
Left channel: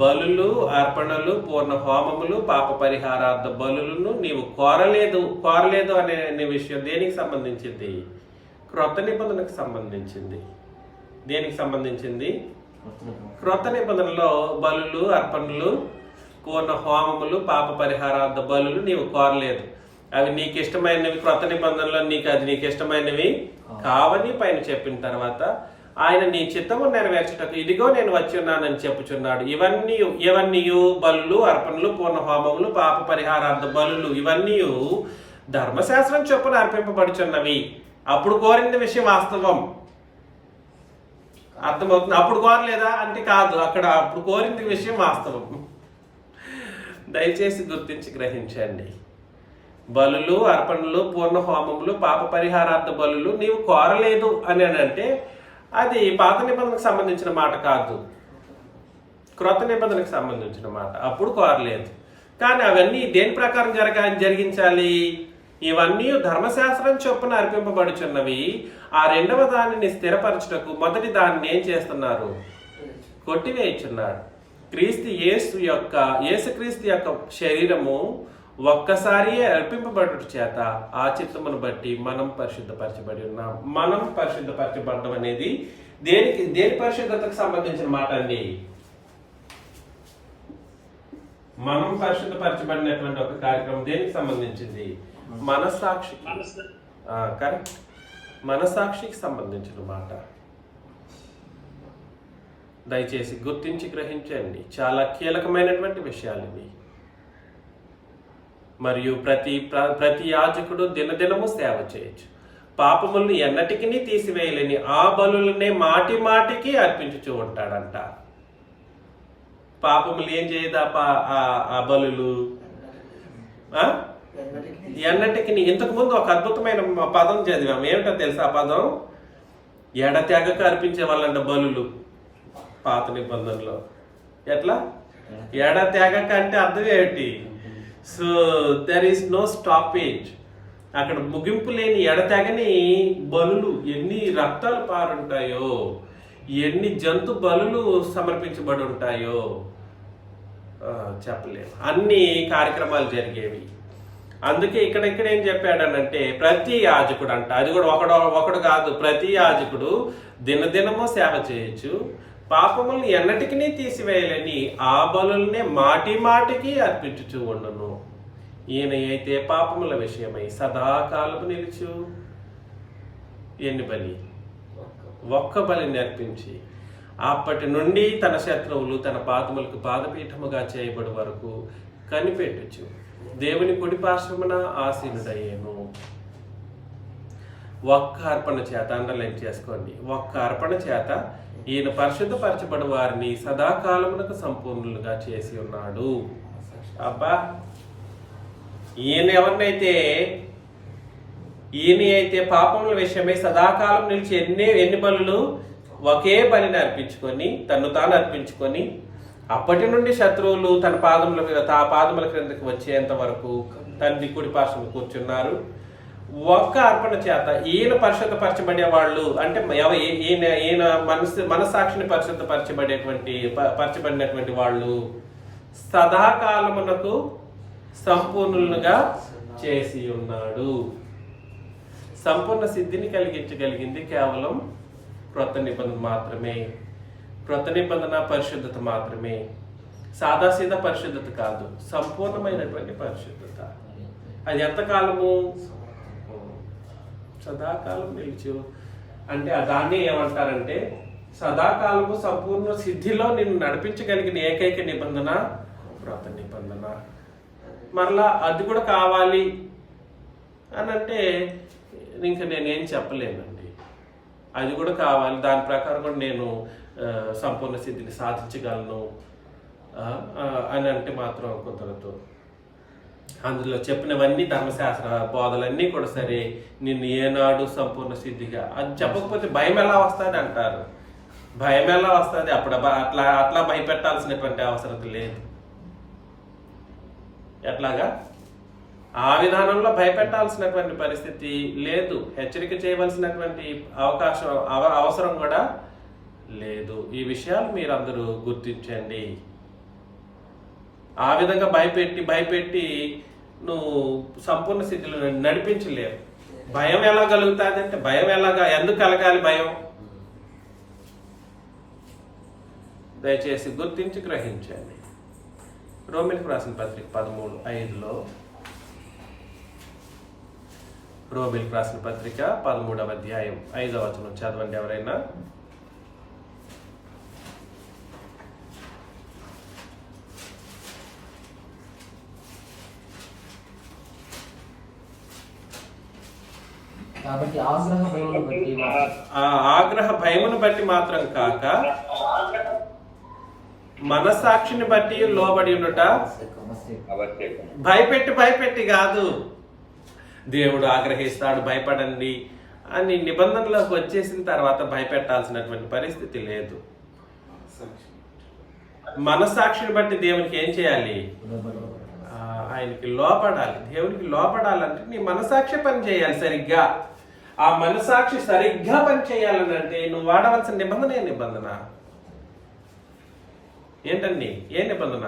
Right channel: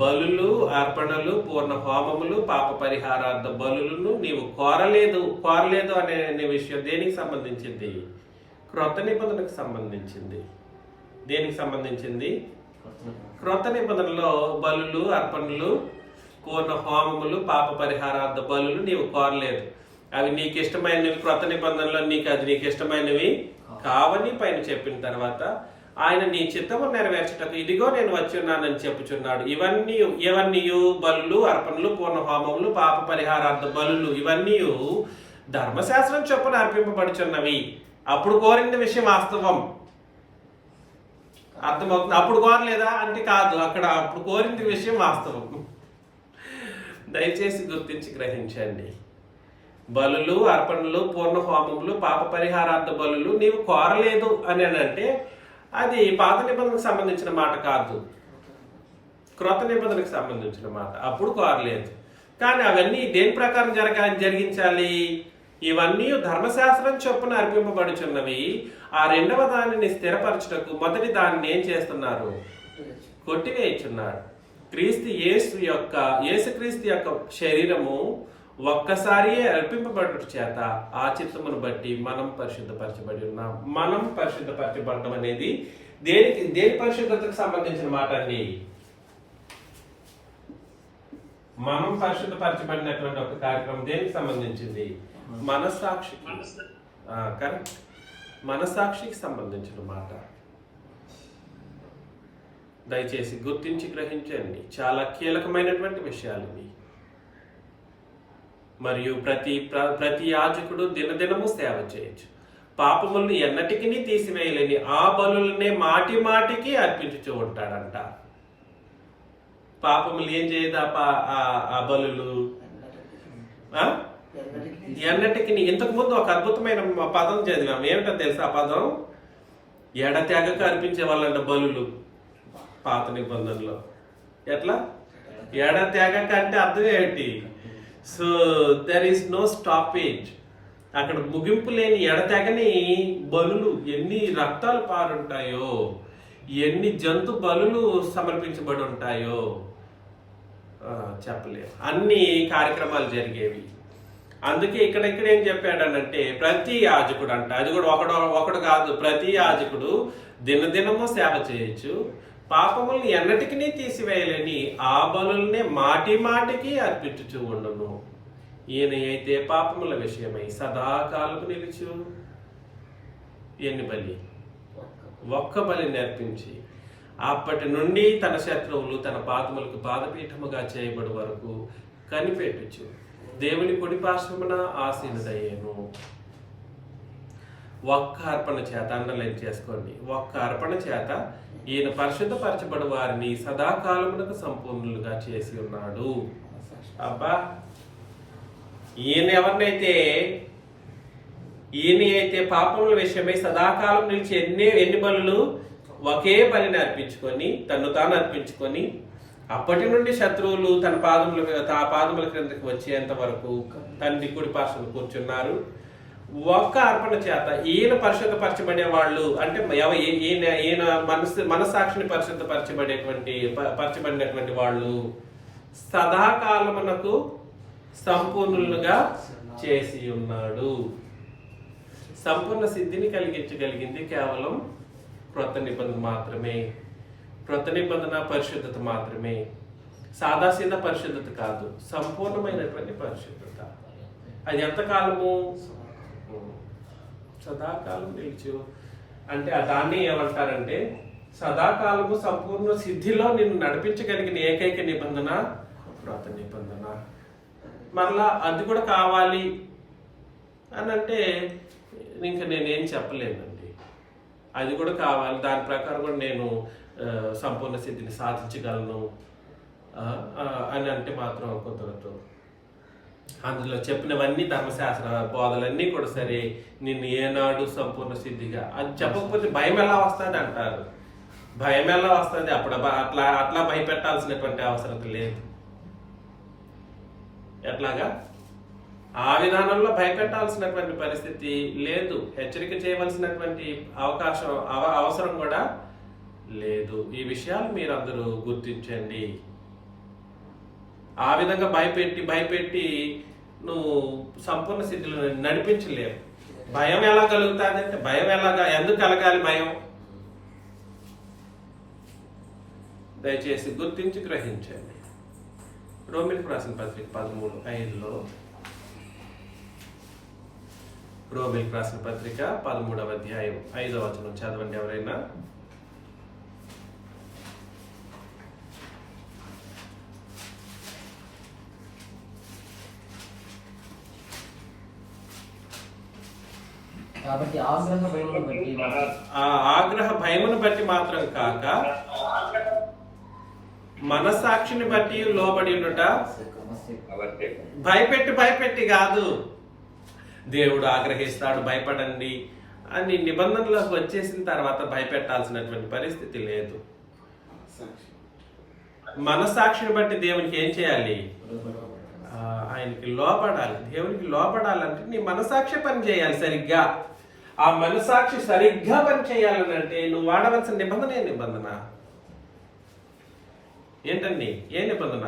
బలులు, అర్పణలు, పూర్ణ హోమములు, పాప పరిహారార్థ బలులను నీవు కోరలేదు అనే విషయం దేనికి సంబంధించింది? క్రొత్త నిబంధనకు సంబంధించింది. దేనికి సంబంధించింది? క్రొత్త నిబంధనలో బలులు, అర్పణలు, పూర్ణ హోమములు, పాప పరిహారార్థ బలులు నీవు కోరలేదు. అవి నీకు ఇష్టమైనవి. క్రొత్త నిబంధనలో నీకు ఇష్టమైనవి కావని పైన చెప్పిన తర్వాత ఆయన నీ చిత్తము నెరవేర్చటకు ఇదిగో నేను వచ్చి ఉన్నానని చెప్పుచున్నాడు. ఇవన్నీ బలులు, అర్పణలు, పూర్ణ హోమములు, పాప పరిహారార్థ బలులు ఇవన్నీ ధర్మశాస్త్రం చొప్పున అర్పింపబడుచున్నవి. అప్పుడు కోరిన విషయం వాస్తవం. అర్థమవుతుంది? అప్పుడు కోరలేదా అంటే కాదు, అప్పుడు కోరింది విషయం వాస్తవం. దయచేసి గుర్తించి గ్రహించండి. బలులు, అర్పణలు, పూర్ణ హోమములు, పాప పరిహారార్థ బలులు నీవు కోరలేదు అని అంటే అది పాత నిబంధనకు సంబంధించిన మాట కాదు, క్రొత్త నిబంధనకు సంబంధించిన మాట. అప్పుడు కోరలేదు. కానీ అవన్నీ దేని ప్రకారం జరిగించాలి? ఇవన్నీ ధర్మశాస్త్రం చొప్పున అర్పింపబడుచున్నవి. ఆ రెండవ దానిని స్థిరపరచుటకు మొదటి దానిని ఏం చేస్తున్నారు? కొట్టివేయుచున్నారు. యేసుక్రీస్తు యొక్క శరీరము ఒక్కసారి అర్పింపబడుట చేత ఆ చిత్తమును బట్టి మనం పరిశుద్ధపరచబడి ఉన్నాం. మనం పరిశుద్ధపరచబడటం అనేది దేని పరిశుద్ధతకు సంబంధించిన మాట అండి? మనం పరిశుద్ధపరచబడినటువంటి ఒక కార్యక్రమం దేనికి సంబంధించింది? మనస్సాక్షి. కరెక్ట్, మనస్సాక్షికి సంబంధించిన మాట. దయచేసి గుర్తించి గ్రహించండి. చాలా కీలకమైనటువంటి విషయాలు ఇవి. మరియు ప్రతి యాజకుడు దినదినము సేవ చేయొచ్చు. పాపములను ఎన్నటికీ తీసివేయలేని ఆ బలులనే మాటి మాటికి అర్పించుతూ ఉంటాడంట. పాపములు ఏం చేయదా ఆ బలులు? ఎన్నటికి. ఇంతకు ముందు ఒక అద్భుతమైన పదం చదివాం. ఏమిటో తెలుసా ఆ పదం? ఎడతెగక అర్పించే వాళ్ళంట బలులు పాత నిబంధనలో. ఎట్లా? ఎడతెగక అంటే అర్థం ఏంటి? So there is no stoppage. అక్కడ ముగింపు లేని ఎడతెగని బలులు. ఎన్ని రక్తాలు పారుంటాయో, ఎన్ని జంతు బలులు సమర్పించబడి ఉంటాయో చెప్పలేము. అన్ని కార్యక్రమాలు జరిగేవి. అందుకే ఇక్కడ ఏం చెప్పాడనంటే ప్రతి యాజకుడు అంట, అది కూడా ఒకడు కాదు, ప్రతి యాజకుడు దినదినము సేవ చేయొచ్చు, పాపములను ఎన్నటికీ తీసివేయలేని ఆ బలుల్నే మాటి మాటికి అర్పించుచూ ఉండును. ఈయన అయితే పాపముల విషయమై సదాకాలము నిలుచు ఎన్ని బలి? ఒక్క బలిని అర్పించి అప్పటి నుండి తన శత్రువులు తన పాదములకు పాదపీఠముగా చేయబడి వరకు కనిపెట్టుచు దేవుని కుడి పార్శ్వమున ఆసీనుడయ్యేను. ఒక్క అర్పణ చేత, అండర్లైన్ చేసుకోండి, ఒక్క అర్పణ చేత ఈయన పరిశుద్ధపరచబడి వారిని సదాకాలమునకు సంపూర్ణులుగా చేసి ఉన్నాడు. అబ్బా, ఈయన అయితే పాపముల విషయమై సదాకాలం నిలిచి ఎన్ని బలులు? ఒకే బలిని అర్పించుకొని, తను తాను అర్పించుకొని, అప్పటి నుండి శత్రువులు తన పాదముల క్రిందకి వచ్చేంత వరకు తండ్రి కుడి పార్శ్వమున కూర్చున్నారు. ఒక్క అర్పణ చేత ఈయన పరిశుద్ధపరచబడే వాళ్ళు అంటే ఈయన మనస్సాక్షిని పరిశుద్ధపరచబడినటువంటి వాళ్ళు సదాకాలమునకు సంపూర్ణులుగా చేసి ఉన్నాడు. సంపూర్ణ సిద్ధిని కలిగించగలిగింది కేవలం క్రొత్త నిబంధన మాత్రమే. క్రొత్త నిబంధన పరిశుద్ధత మాత్రమే. సాదాసీదా పరిశుద్ధత కాదు, సంపూర్ణమైనటువంటి పరిశుద్ధత. అది ఎంతకాలము? సదాకాలం నిలిచు అంటే దాన్ని ఏమంటారంటే సదాకాలము సంపూర్ణ సిద్ధిలో నిన్ను నడిపించగలిగిన ఏకైక నిబంధన క్రొత్త నిబంధన. మరలా అది కూడా కావాలి అని అంటే ఇంకా నేనేం చెప్పలేనండి. అది కూడా కావాలి, దాని ప్రకారం కూడా నేను సంపూర్ణ సిద్ధిని సాధించగలను అని అంటే మాత్రం కుదరదు. అందులో చెప్పినవన్నీ ధర్మశాస్త్ర బోధలన్నీ కూడా సరే, నిన్ను ఏనాడు సంపూర్ణ సిద్ధిగా అది చెప్పకపోతే భయం ఎలా వస్తుంది అంటారు. భయం ఎలా వస్తుంది? అప్పుడు అట్లా భయపెట్టాల్సినటువంటి అవసరం లేదు. ఎట్లాగా? ఆ విధానంలో భయపెట్టాల్సినటువంటి పరిస్థితి లేదు. హెచ్చరిక చేయవలసినటువంటి అవసరం కూడా లేదు. ఈ విషయాలు మీరందరూ గుర్తించండి. ఆ విధంగా భయపెట్టి నువ్వు సంపూర్ణ స్థితిలో నడిపించలేవు. భయం ఎలా కలుగుతుంది అంటే ఎందుకు కలగాలి భయం? దయచేసి గుర్తించి గ్రహించండి. రోమిలకు రాసిన పత్రిక 13:5లో, రోమిలకు రాసిన పత్రిక 13వ అధ్యాయం 5వ వచనం చదవండి ఎవరైనా. కాబట్టి ఆగ్రహ భయమును బట్టి మాత్రం కాక మనస్సాక్షిని బట్టి లోబడి ఉన్నట. భయపెట్టి కాదు. దేవుడు ఆగ్రహిస్తాడు, భయపడండి అని నిబంధనలోకి వచ్చేసిన తర్వాత భయపెట్టాల్సినటువంటి పరిస్థితి లేదు. మనస్సాక్షిని బట్టి దేవునికి ఏం చేయాలి? ఆయనకి లోపడాలి. దేవునికి లోపడాలంటే నీ మనసాక్షి పని చేయాలి సరిగ్గా. ఆ మనసాక్షి సరిగ్గా పని చేయాలని అంటే నువ్వు వాడవలసిన నిబంధన ఏ నిబంధన ఏంటండి? ఏ నిబంధన?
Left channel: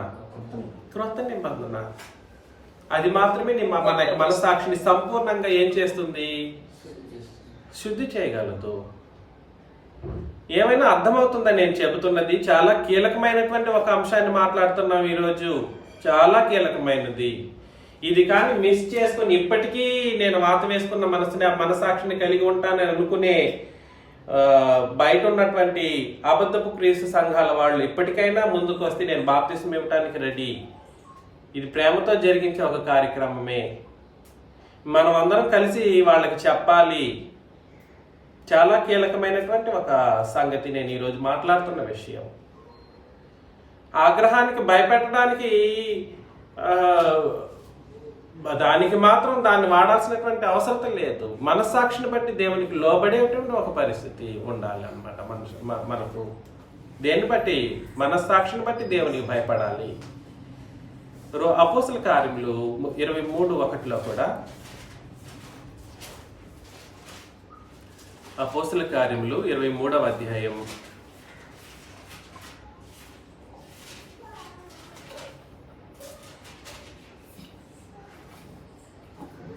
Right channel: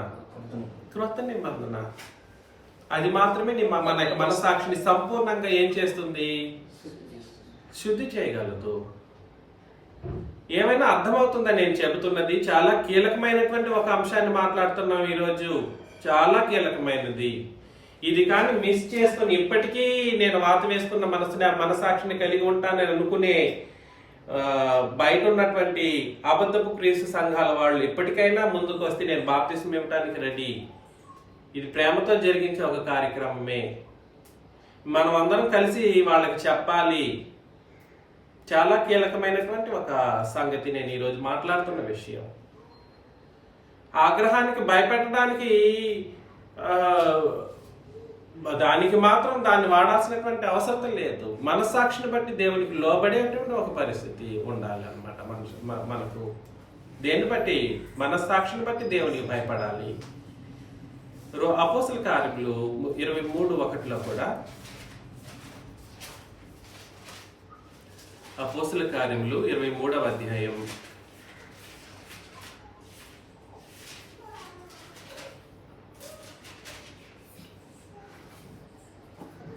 క్రొత్త నిబంధన. అది మాత్రమే మన మనసాక్షిని సంపూర్ణంగా ఏం చేస్తుంది? శుద్ధి చేయగలదు. ఏమైనా అర్థమవుతుందా నేను చెబుతున్నది? చాలా కీలకమైనటువంటి ఒక అంశాన్ని మాట్లాడుతున్నాం ఈరోజు. చాలా కీలకమైనది. ఇది కానీ మిస్ చేసుకుని ఇప్పటికీ నేను వాత వేసుకున్న మనసాక్షిని కలిగి ఉంటానని అనుకునే బయట ఉన్నటువంటి అబద్ధపు క్రీస్తు సంఘాల వాళ్ళు ఇప్పటికైనా ముందుకు వస్తే నేను బాప్తిస్మం ఇవ్వడానికి రెడీ. ఇది ప్రేమతో జరిగించే ఒక కార్యక్రమమే. మనం అందరం కలిసి వాళ్ళకి చెప్పాలి. చాలా కీలకమైనటువంటి ఒక సంగతి నేను ఈరోజు మాట్లాడుతున్న విషయం. ఆగ్రహానికి భయపెట్టడానికి దానికి మాత్రం దాన్ని వాడాల్సినటువంటి అవసరం లేదు. మనస్సాక్షిని బట్టి దేవునికి లోబడేటువంటి ఒక పరిస్థితి ఉండాలి అన్నమాట. మనకు దేన్ని బట్టి? మనస్సాక్షిని బట్టి దేవునికి భయపడాలి. అపోస్తల కార్యములు 23:1 కూడా, అపోస్తల కార్యములు 23వ అధ్యాయం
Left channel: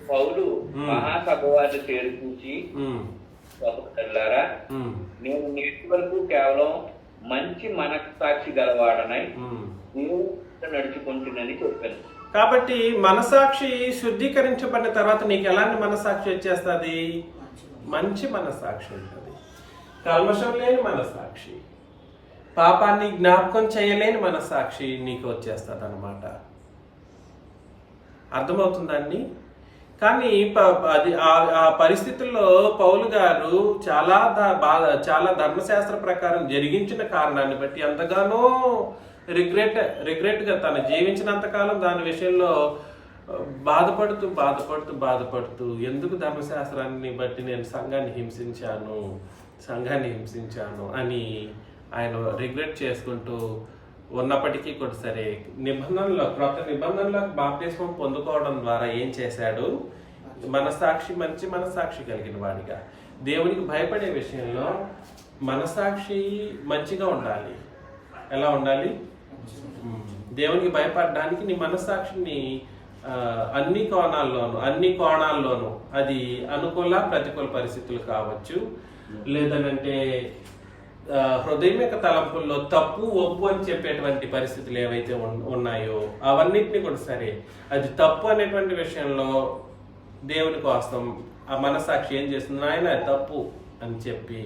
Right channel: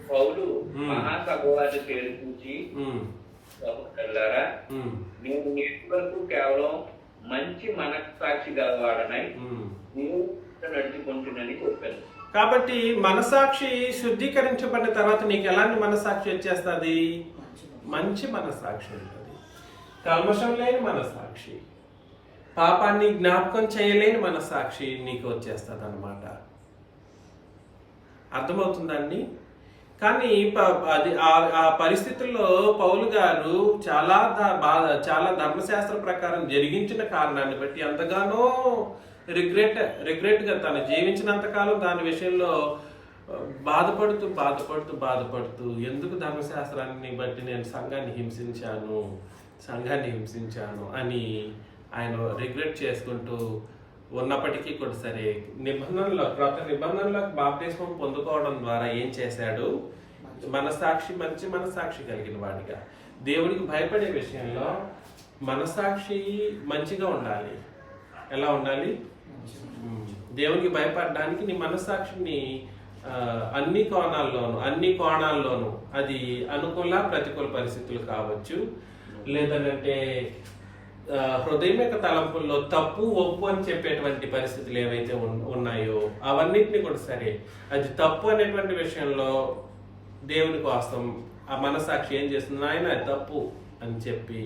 పౌలు మహాసభ వారిని చేర్పించి, సహోదరులారా, నేను నేటి వరకు కేవలం మంచి మనస్సాక్షి గలవాడనై నడుచుకుంటున్నని చెప్పాను. కాబట్టి మనసాక్షి శుద్ధీకరించబడిన తర్వాత నీకు ఎలాంటి మనసాక్షి వచ్చేస్తుంది? మంచి మనసాక్షి ఉంటుంది. కల్మషం లేని మనసాక్షి, పాపాన్ని జ్ఞాపకం చేయలేని మనసాక్షి నీకు వచ్చేస్తుంది అన్నమాట. అర్థమవుతుందండి? కానీ అది ఆ పరిస్థితుల్లో పౌలు గారు చాలా ధర్మశాస్త్ర ప్రకారం జరిగించిన కారణాన్ని బట్టి ఎంతగానో రిగ్రెట్గా తను జీవించినంతకాలం దాని విషయంలో బాధపడుతూ ఎందుకు ధర్మశాస్త్రాన్ని బట్టి నేను సంఘాన్ని హింసించాను అని ఆయన రిగ్రెట్ చేసుకుంటూ ఉన్నప్పటికీ కూడా సరే క్రొత్త నిబంధనలో బాప్తిస్మం పొందుకోవడం ద్వారా ఏం చేశాడు? మంచి మనసాక్షి కలిగిన వాడిగా, దేవునికి భయపడే విషయంలో మనసాక్షి మంచిగా ఉండాలి. ఎలా ఉండాలి? దేవునికి భయపడడానికి నీ మనసాక్షిని అన్ని కోణాల్లోనూ అది అనుకూల ప్రతికూల పరిస్థితులు కావచ్చు, లేదనంటే హృదయం యొక్క తలంపుల్లో తప్పు ఒప్పు అని చెప్పేటువంటి పరిస్థితులు ఏవైతే ఉన్నాయో అవన్నిటిని కూడా సరే, అది తప్పు అనేటువంటి విషయంలో దేవుని కోసం ఆ మనసాక్షి ఏం చేస్తుంది? ఆయన తప్పు అని చెప్పి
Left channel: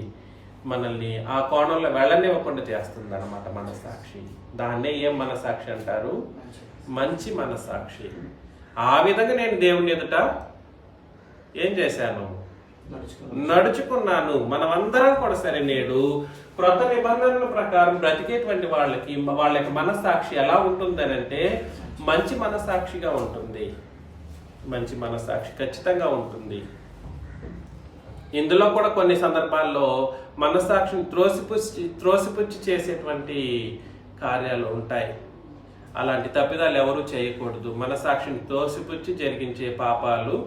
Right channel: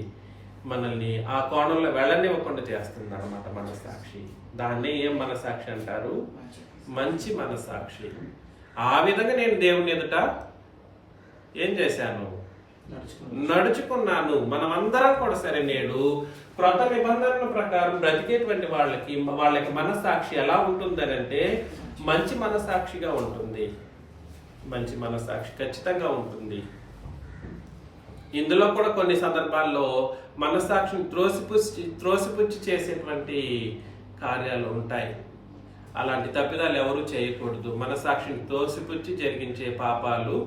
మనల్ని ఆ కోణంలో వెళ్ళనివ్వకుండా చేస్తుంది అన్నమాట మనసాక్షి. దాన్నే ఏం మనసాక్షి అంటారు? మంచి మనసాక్షి. ఆ విధంగా నేను దేవుని ఎదుట ఏం చేశాను? నడుచుకున్నాను. మనం అందరం కూడా సరే నేడు క్రొత్త నిబంధనల ప్రకారం బ్రతికేటువంటి వాళ్ళకి మనసాక్షి ఎలా ఉంటుందని అంటే మంచి మనసాక్షిగా ఉంటుంది. మంచి మనసాక్షి ఖచ్చితంగా ఉంటుంది. ఇందులో కూడా కొన్ని సందర్భాల్లో మనసాక్షిని త్రోసిపుచ్చి చేసేటువంటి కార్యాలు ఉంటాయి. అలాంటి తప్పిదాలు ఎవరూ చేయకూడదు. మనసాక్షిని త్రోసిపుచ్చి జరిగించే పాపాలు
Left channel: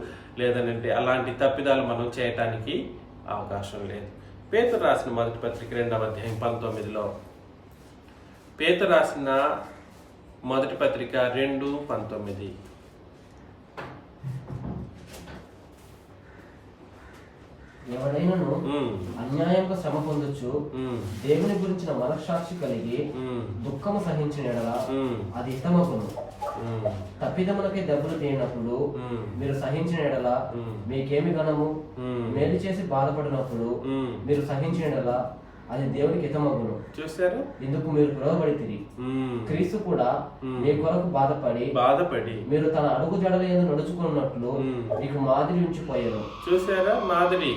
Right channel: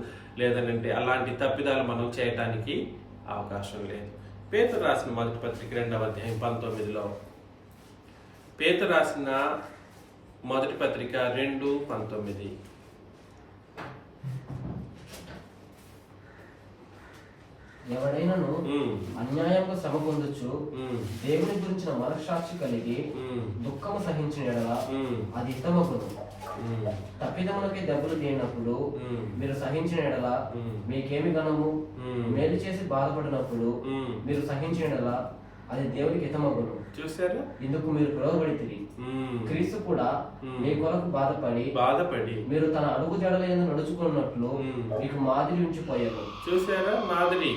లేదనంటే అలాంటి తప్పిదాలు మనం చేయటానికి అవకాశం లేదు. పేతురు రాసిన మొదటి పత్రిక 2వ అధ్యాయం 19లో, పేతురు రాసిన మొదటి పత్రిక 2:19, ఎవడైనను అన్యాయంగా శ్రమ పొందొచ్చు దేవుని గురించిన మనస్సాక్షి కలిగి దుఃఖము సహించిన ఎడల అది హితమగును. తప్పిదములకై దెబ్బలు తేనప్పుడు మీరు సహించిన ఎడల మీకేమి గణము? మేలు చేసి బాధపడినప్పుడు మీరు సహించిన ఎడల అది దేవునికి హితమగును. చూసారు? ఇందుకు మీరు పిలువబడితిరి. క్రీస్తు కూడా మీ కొరకు బాధపడి మీరు తన అడుగు జడల యందు నడుచుకున్నట్లు మీకు మాదిరి ఉంచిపోయారు. చూసారా? మాదిరి.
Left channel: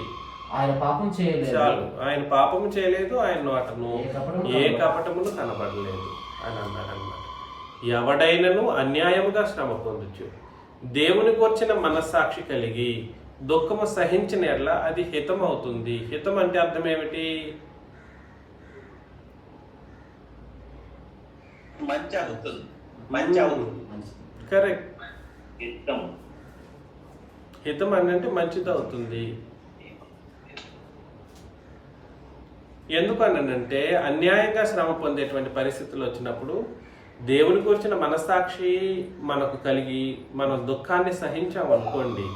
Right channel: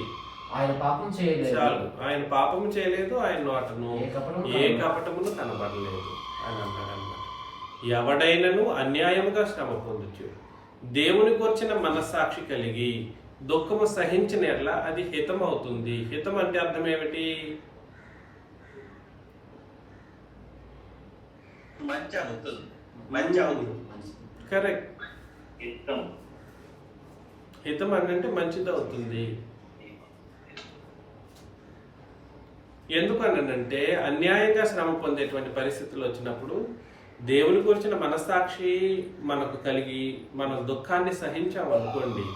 ఆయన పాపం చేయలేదు. ఆయన పాపం చేయలేదు. ఆయన నోటను ఏ కపటమును కనబడలేదు అని అన్నాడన్నమాట. ఎవడైనను అన్యాయముగా శ్రమ పొందొచ్చు. దేవునికి వచ్చిన మనస్సాక్షి కలిగి దుఃఖము సహించిన ఎడల అది హితం అవుతుంది. హితం అంటే అర్థం ఏమిటి? మంచి అవుతుంది, మంచి అవుతుంది. కరెక్ట్. హితం హితం అంటే మంచిది అవుతుంది. ఎందుకనంటే అన్యాయంగా శ్రమ పొందేటువంటి పరిస్థితులు వచ్చినప్పుడు దేవుని గురించిన మనస్సాక్షి మనకు కలిగి మనం దుఃఖాన్ని సహించామనుకోండి,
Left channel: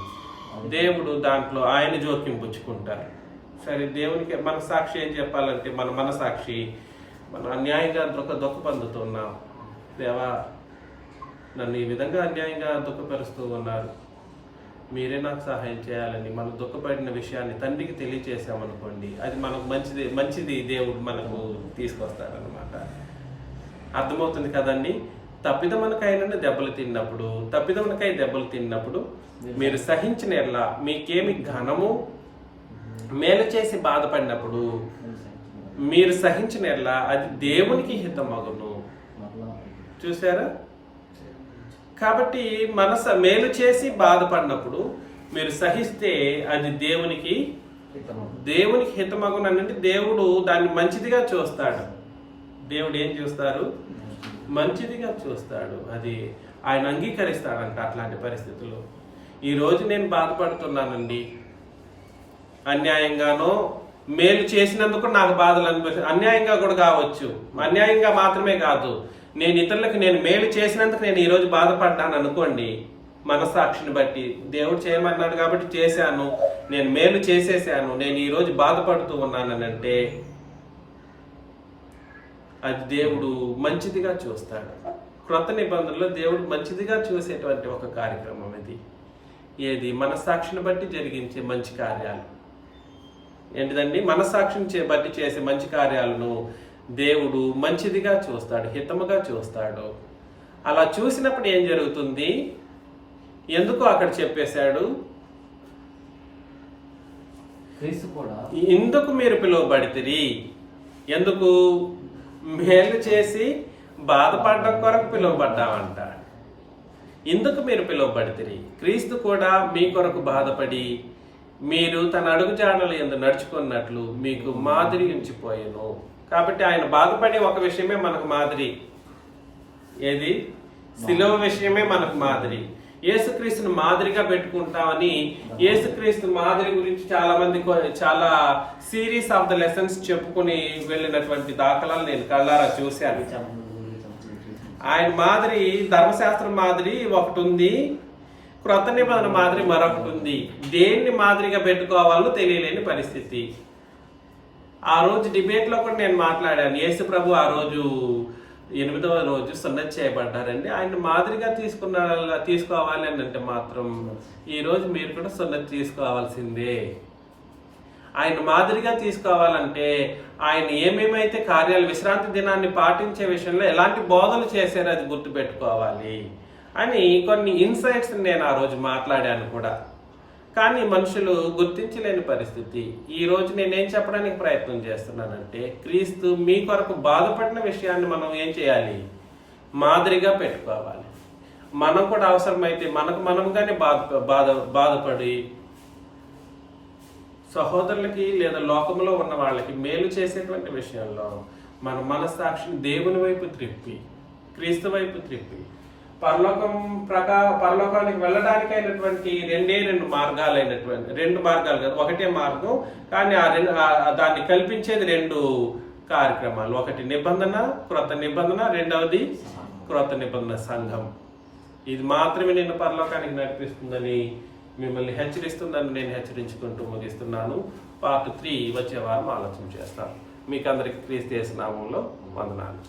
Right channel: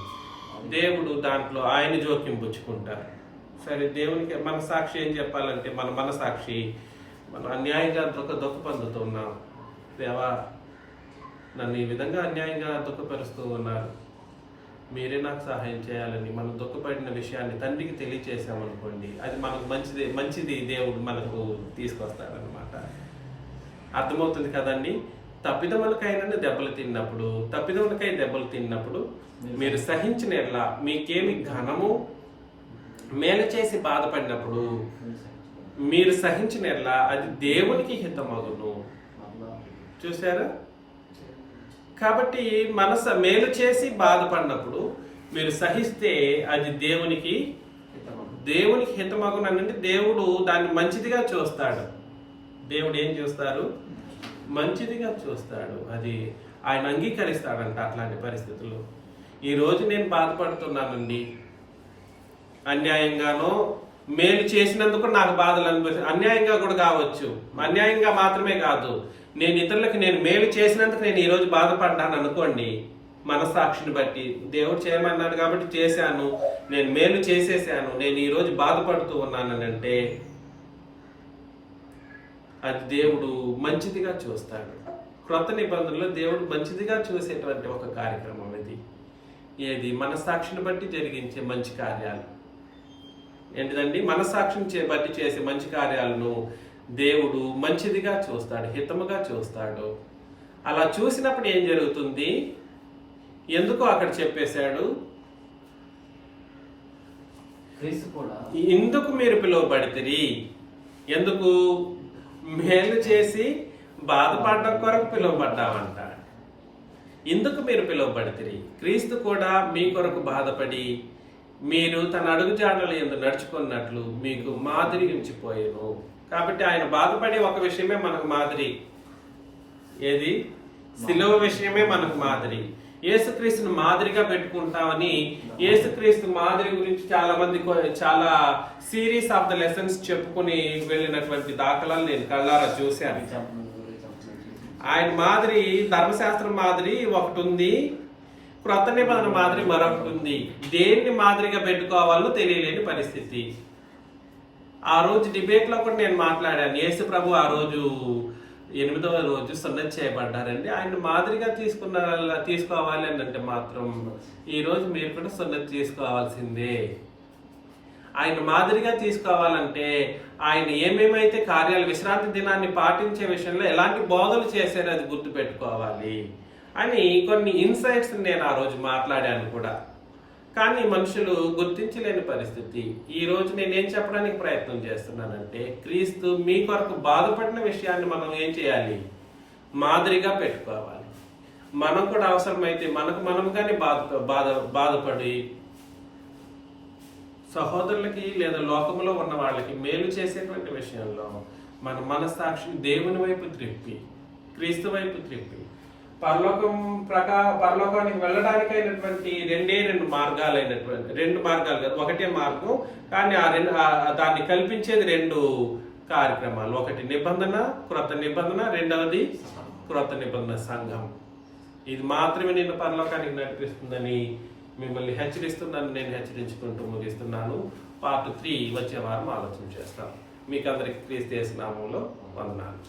దేవుడు దాంట్లో ఆయన జోక్యం పుచ్చుకుంటారు. సరే, దేవునికి మన సాక్షి ఏం చెప్పాలంటే, మన మనసాక్షి మనం అన్యాయంగా దుఃఖ పొందుతున్నాం, దేవా నన్ను ఈ విధంగా అన్యాయంగా దుఃఖపరుస్తూ ఉన్నారు, మీరే నాకు సహాయం చేయాలని మనం దుఃఖపడిన విషయాన్ని తండ్రికి తెలియచేసామనుకోండి, అది మనకు మంచిది దేవుడు మనకు తీసుకొస్తాడనమాట. అర్థమవుతుంది కదండి? తప్పిదమునకైనా దెబ్బలు తిన్నప్పుడు, దెబ్బలు తిన్నప్పుడు మీరు సహించిన ఎడల మీకేమి ఘనము, మేలు చేసి బాధపడినప్పుడు మీరు సహించిన ఎడల అది దేవునికి హితమగును. చూసారా? కాబట్టి మేలు చేసి బాధపడినప్పుడు మీరు సహిస్తే అది దేవునికి హితమగును అంటే దేవుడు దాన్ని మంచిదిగా చూస్తాడు. దేవుడు ఏం చూస్తారు? మంచిదిగా చూస్తాడు. అది ఆయన అంగీకరిస్తాడంట అట్లాంటి పరిస్థితుల్లో. ఈరోజు నేను బాధపడుతున్నానండి, అన్యాయంగానో మేలు చేసినందుకు నాకు బాధలు అనిపిస్తుంది. అన్యాయంగా కూడా కావచ్చు, అన్యాయంగా మాత్రమే కాదు, నేను ఇతరులకు నేను మేలు చేసినందుకు నేను ఈరోజు బాధపడ్డాను అనుకోండి, మనస్సాక్షిని బట్టి దేవుడు చేయమన్నాడు కాబట్టి చేశాను, నేను మేలు చేసేసాను, నేను ఈరోజు బాధపడుతూ ఉన్నానంటే అది దేవుడు మంచిదిగా చూస్తాడు. క్రొత్త నిబంధనలో దేవుడు మంచిదిగా చూసేటువంటి ఒక కార్యక్రమం ఇది. ఏది? మనస్సాక్షిని బట్టి జరిగించే మంచి కార్యాలు. ఏంటిదండి? మనస్సాక్షిని బట్టి చేసే మంచి కార్యాలను దేవుడు మంచిదిగా చూస్తాడు, హితముగా చూస్తాడు. అలా చూసినప్పుడు ఏం జరుగుతుంది? ఎందుకు అక్కడ చెప్పేశాడు? ఎందుకు మీరు పిలువబడితిరి? ఎందుకు? మేలు చేసి బాధపడడం కొరకు పిలువబడ్డామంట. ఇందుకు మీరు పిలువబడితిరి. క్రీస్తు కూడా మీ కొరకు బాధపడి మీరు తన అడుగుజాడల యందు నడుచుకున్నట్లు మీకు మాదిరి ఉంచిపోయాను. కాబట్టి ఆయన బాధపడే ఒక విషయమే మనకు మాదిరి. ఏది? శిలువ విషయమే మనకు మాదిరి. యేసుక్రీస్తుని మాదిరిగా పెట్టుకుంటామని యేసుక్రీస్తు మాదిరి గురించి చాలా సిరీస్ ఆఫ్ ద లెసన్స్ చెప్పుకుని వెళ్ళినటువంటి దాఖలాలు నేను కళ్ళారా చూశాను. ఆయన మాదిరి, ధర్మశాస్త్రం మాదిరి ఒకటి ఉంది, క్రొత్త నిబంధన మాదిరి మరొకటి ఉంది. దేన్ని మాదిరిగా పెట్టుకోవాలో తెలియలేని పరిస్థితి. ఆ రోజు డిబేట్ లో కూడా నేను మాట్లాడాను. యేసు ప్రభు ఆ రోజు 8వ రోజు సున్నతి చేయబడ్డారండి. ఆయన మాదిరిగా తీసుకోవాలి అని అంటే మాత్రం ఈ రోజు మీరు కూడా సున్నతి తీసుకోవాల్సిందే. ఆయన మాదిరిగా తీసుకోవాలంటే ఆయన ఏమేమైతే కార్యాలు, విశ్రాంతి దినాన్ని పాటించే విషయంలో ఎలాంటి బోధలు చేశారో అది గుర్తుపెట్టుకోవాలి అని కొన్ని ఇన్సైట్స్ నేను ఆ రోజు మాట్లాడాను కూడా. కానీ మనుషులు గుర్తించలేని పరిస్థితి. ఈ రోజు నేనేం చెప్పడానికి ప్రయత్నం చేస్తున్నానంటే, క్రీస్తు మీ కొరకు బాధపడిన విషయాన్ని మనం ఏం చేయాలి? మాదిరిగా పెట్టుకోవాలి. మనం కూడా అవసరమైతే మనముగానే బాధపడి సహోదరులకి లేదా లోకంలో ఉన్న వాళ్ళకి మేలు చేసేటువంటి విషయంలో మన మనస్సాక్షిని దేవుని వైపు త్రిప్పి, క్రీస్తు వైపు త్రిప్పి, పరలోకానికి వెళ్ళడానికైనటువంటి రెండు మార్గాలు కాదు, ఒకటే మార్గం. కానీ దాన్ని కల్పించేది 2 కార్యక్రమాలు. ఒకటి నిబంధన, క్రొత్త నిబంధన, రెండవది క్రొత్త నిబంధన సంఘం. ఇది మాత్రమే నిన్ను పరలోకానికి నడిపిస్తుందని మిమ్మల్ని హెచ్చరిస్తుందని నేను హెచ్చరించుకుంటూ ముగిస్తున్నాను. పార్ట్ 3 వచ్చే వారం ఆలోచన చేస్తాను. మీకు అందరికి క్రీస్తు యేసు నామములో వందనాలు.